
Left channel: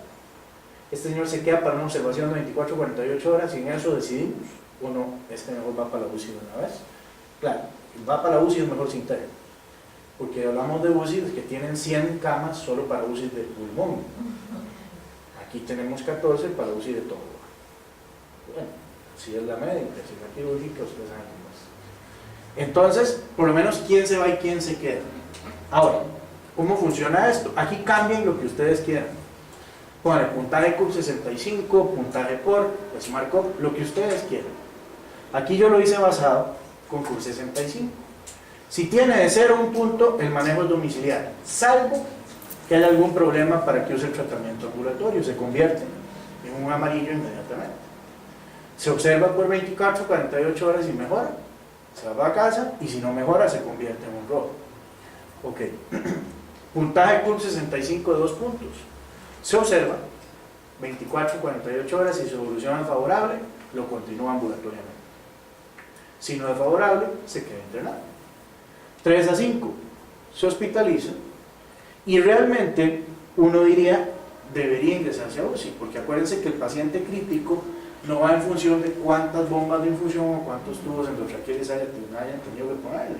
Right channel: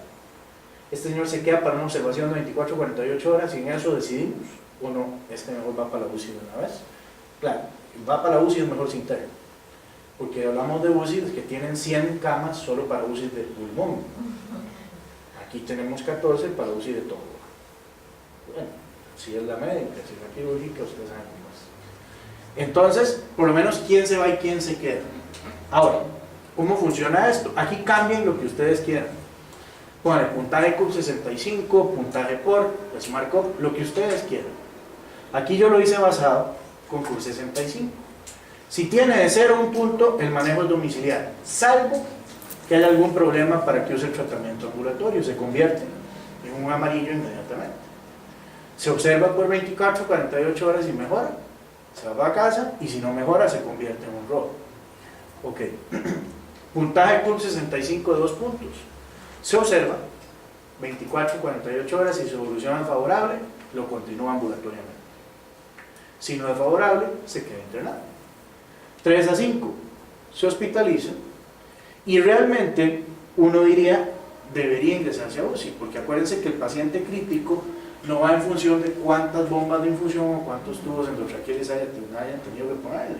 este señor se queda para una observación de 24-48 horas y en eso decidimos, o no, este mejor va para la UCI de una vez. Claro, va para la UCI es mejor sin TER, porque hablamos de UCI que tienen 100 camas solo para UCI del pulmón. Aquí tenemos 14 para UCI de todo. Bueno, si es la médica, si es la quirúrgica, ustedes saben cómo es. Entonces, por lo menos quién se va y quién se queda. Ahora, ¿cómo funciona esto? Aquí cambien lo que ustedes quieran. Pongan puntaje CUR 65, puntaje PORT, SMART-CoV, lo que ustedes quieran. Aquí yo lo hice basado con CUR 65. Si tiene de 0 a 1 punto, el manejo es domiciliario, salvo que haya algún problema para que use el tratamiento ambulatorio, se convierte en un amarillo inmediatamente. Se observa por 24-48 horas y mejora, se va a casa, y si no mejora se convierte en un rojo. Ok, puntaje CUR 65 de 2 puntos. Se observa 24-48 horas y su evolución es favorable, lo continúa ambulatoriamente. Si no es favorable, se queda internado. 3 a 5, se hospitaliza y realmente uno diría debería ingresarse a UCI, porque acuérdense que el paciente crítico no va en función de cuántas bombas de infusión o cuántos tubos endotraqueales hayan tenido que ponerle.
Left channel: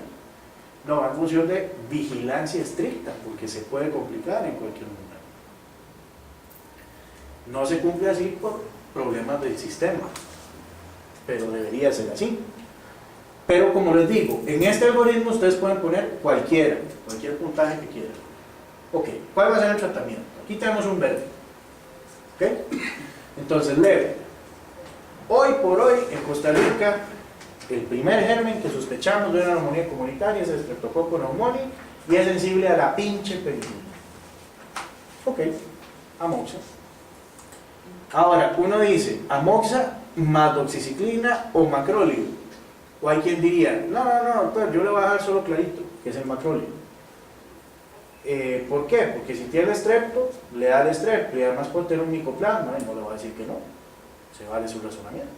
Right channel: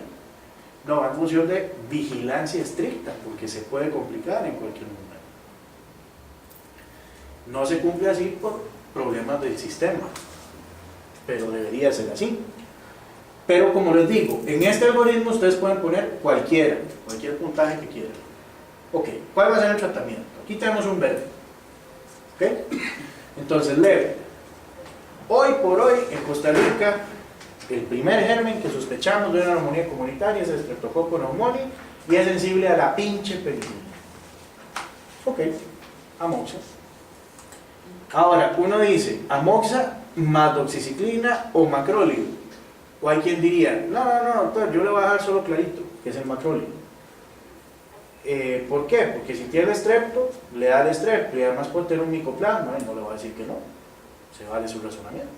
No, va en función de vigilancia estricta, porque se puede complicar en cualquier momento. No se cumple así por problemas del sistema, pero debería ser así. Pero como les digo, en este algoritmo ustedes pueden poner cualquier puntaje que quieran. Ok, ¿cuál va a ser el tratamiento? Aquí tenemos un verde. ¿Ok? Entonces, leve. Hoy por hoy, en Costa Rica, el primer germen que sospechamos de una neumonía comunitaria es el Streptococcus pneumoniae y es sensible a la pinche penicilina. Ok, amoxa. Ahora, uno dice, amoxa más doxiciclina o macrólide. O hay quien diría, no, doctor, yo le voy a dar solo clarito, que es el macrólide. ¿Por qué? Porque si tiene estrepto, le da el estrepto y además puede tener un micoplasma y no le va a decir que no. Se vale su razonamiento.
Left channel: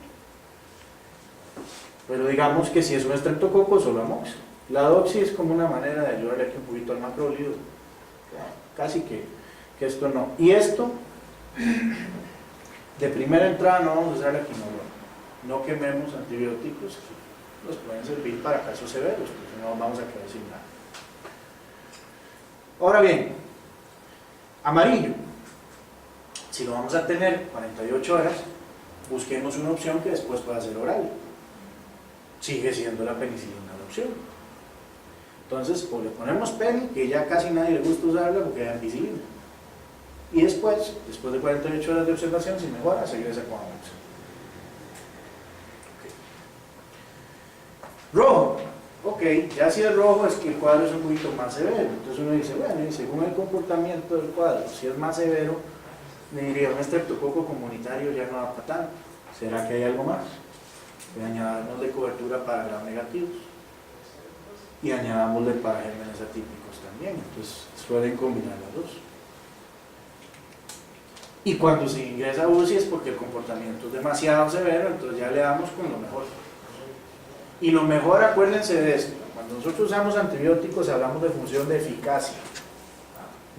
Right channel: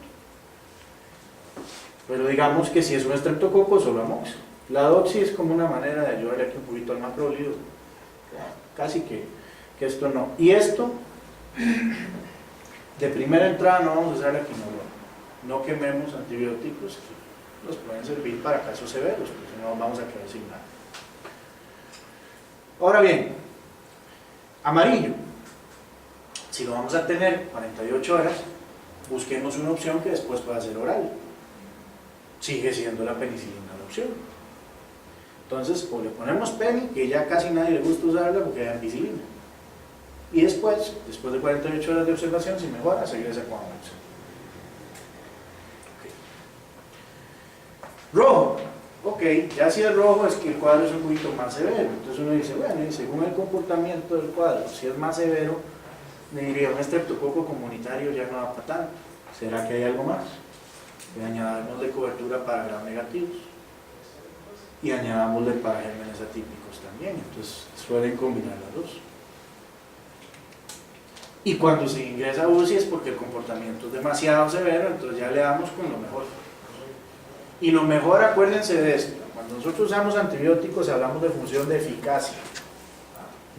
Pero digamos que si es un estreptococo, solo amoxa. La doxi es como una manera de ayudarle aquí un poquito al macrólido. Casi que esto no. Y esto, de primera entrada no vamos a usar la quinolona. No quememos antibióticos que nos pueden servir para casos severos, porque no vamos a quedar sin nada. Ahora bien, amarillo. Si lo vamos a tener 48 horas, busquemos una opción que después pueda ser oral. Sigue siendo la penicilina la opción. Entonces, o le ponemos peni, que ya casi nadie le gusta usarla porque es ampicilina. Y después de 48 horas de observación, si mejora, se regresa con amoxa. Rojo. Ok, ya si es rojo es que el cuadro es un poquito más severo. Entonces uno dice, bueno, y según el comportamiento del cuadro, si es más severo, le diría, un estreptococo comunitario ya no va para tanto. ¿Será que hay algo más? Le añadamos de cobertura para gram negativos y añadámosle para gérmenes atípicos también. Entonces suelen combinar las dos. Y cuando se ingresa a UCI es porque el comportamiento es demasiado severo, entonces ya le damos con lo mejor. Y lo mejor, acuérdense de esto, cuando nosotros usamos antibióticos hablamos de función de eficacia,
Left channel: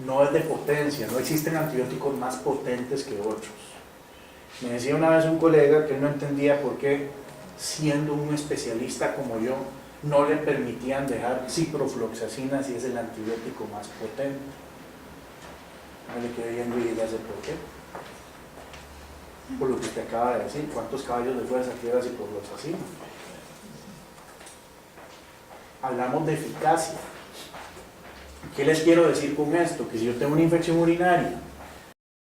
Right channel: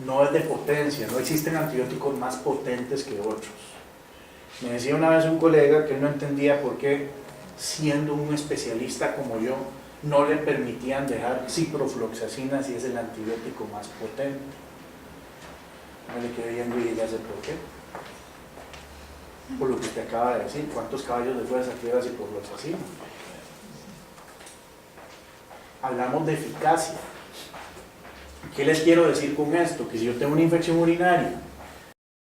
no es de potencia, no existen antibióticos más potentes que otros. Me decía una vez un colega que él no entendía por qué, siendo un especialista como yo, no le permitían dejar ciprofloxacina si es el antibiótico más potente. No le quedé viendo y ya sé por qué. Por lo que usted acaba de decir, ¿cuántos caballos de fuerza lleva ciprofloxacina? Hablamos de eficacia. ¿Qué les quiero decir con esto? Que si yo tengo una infección urinaria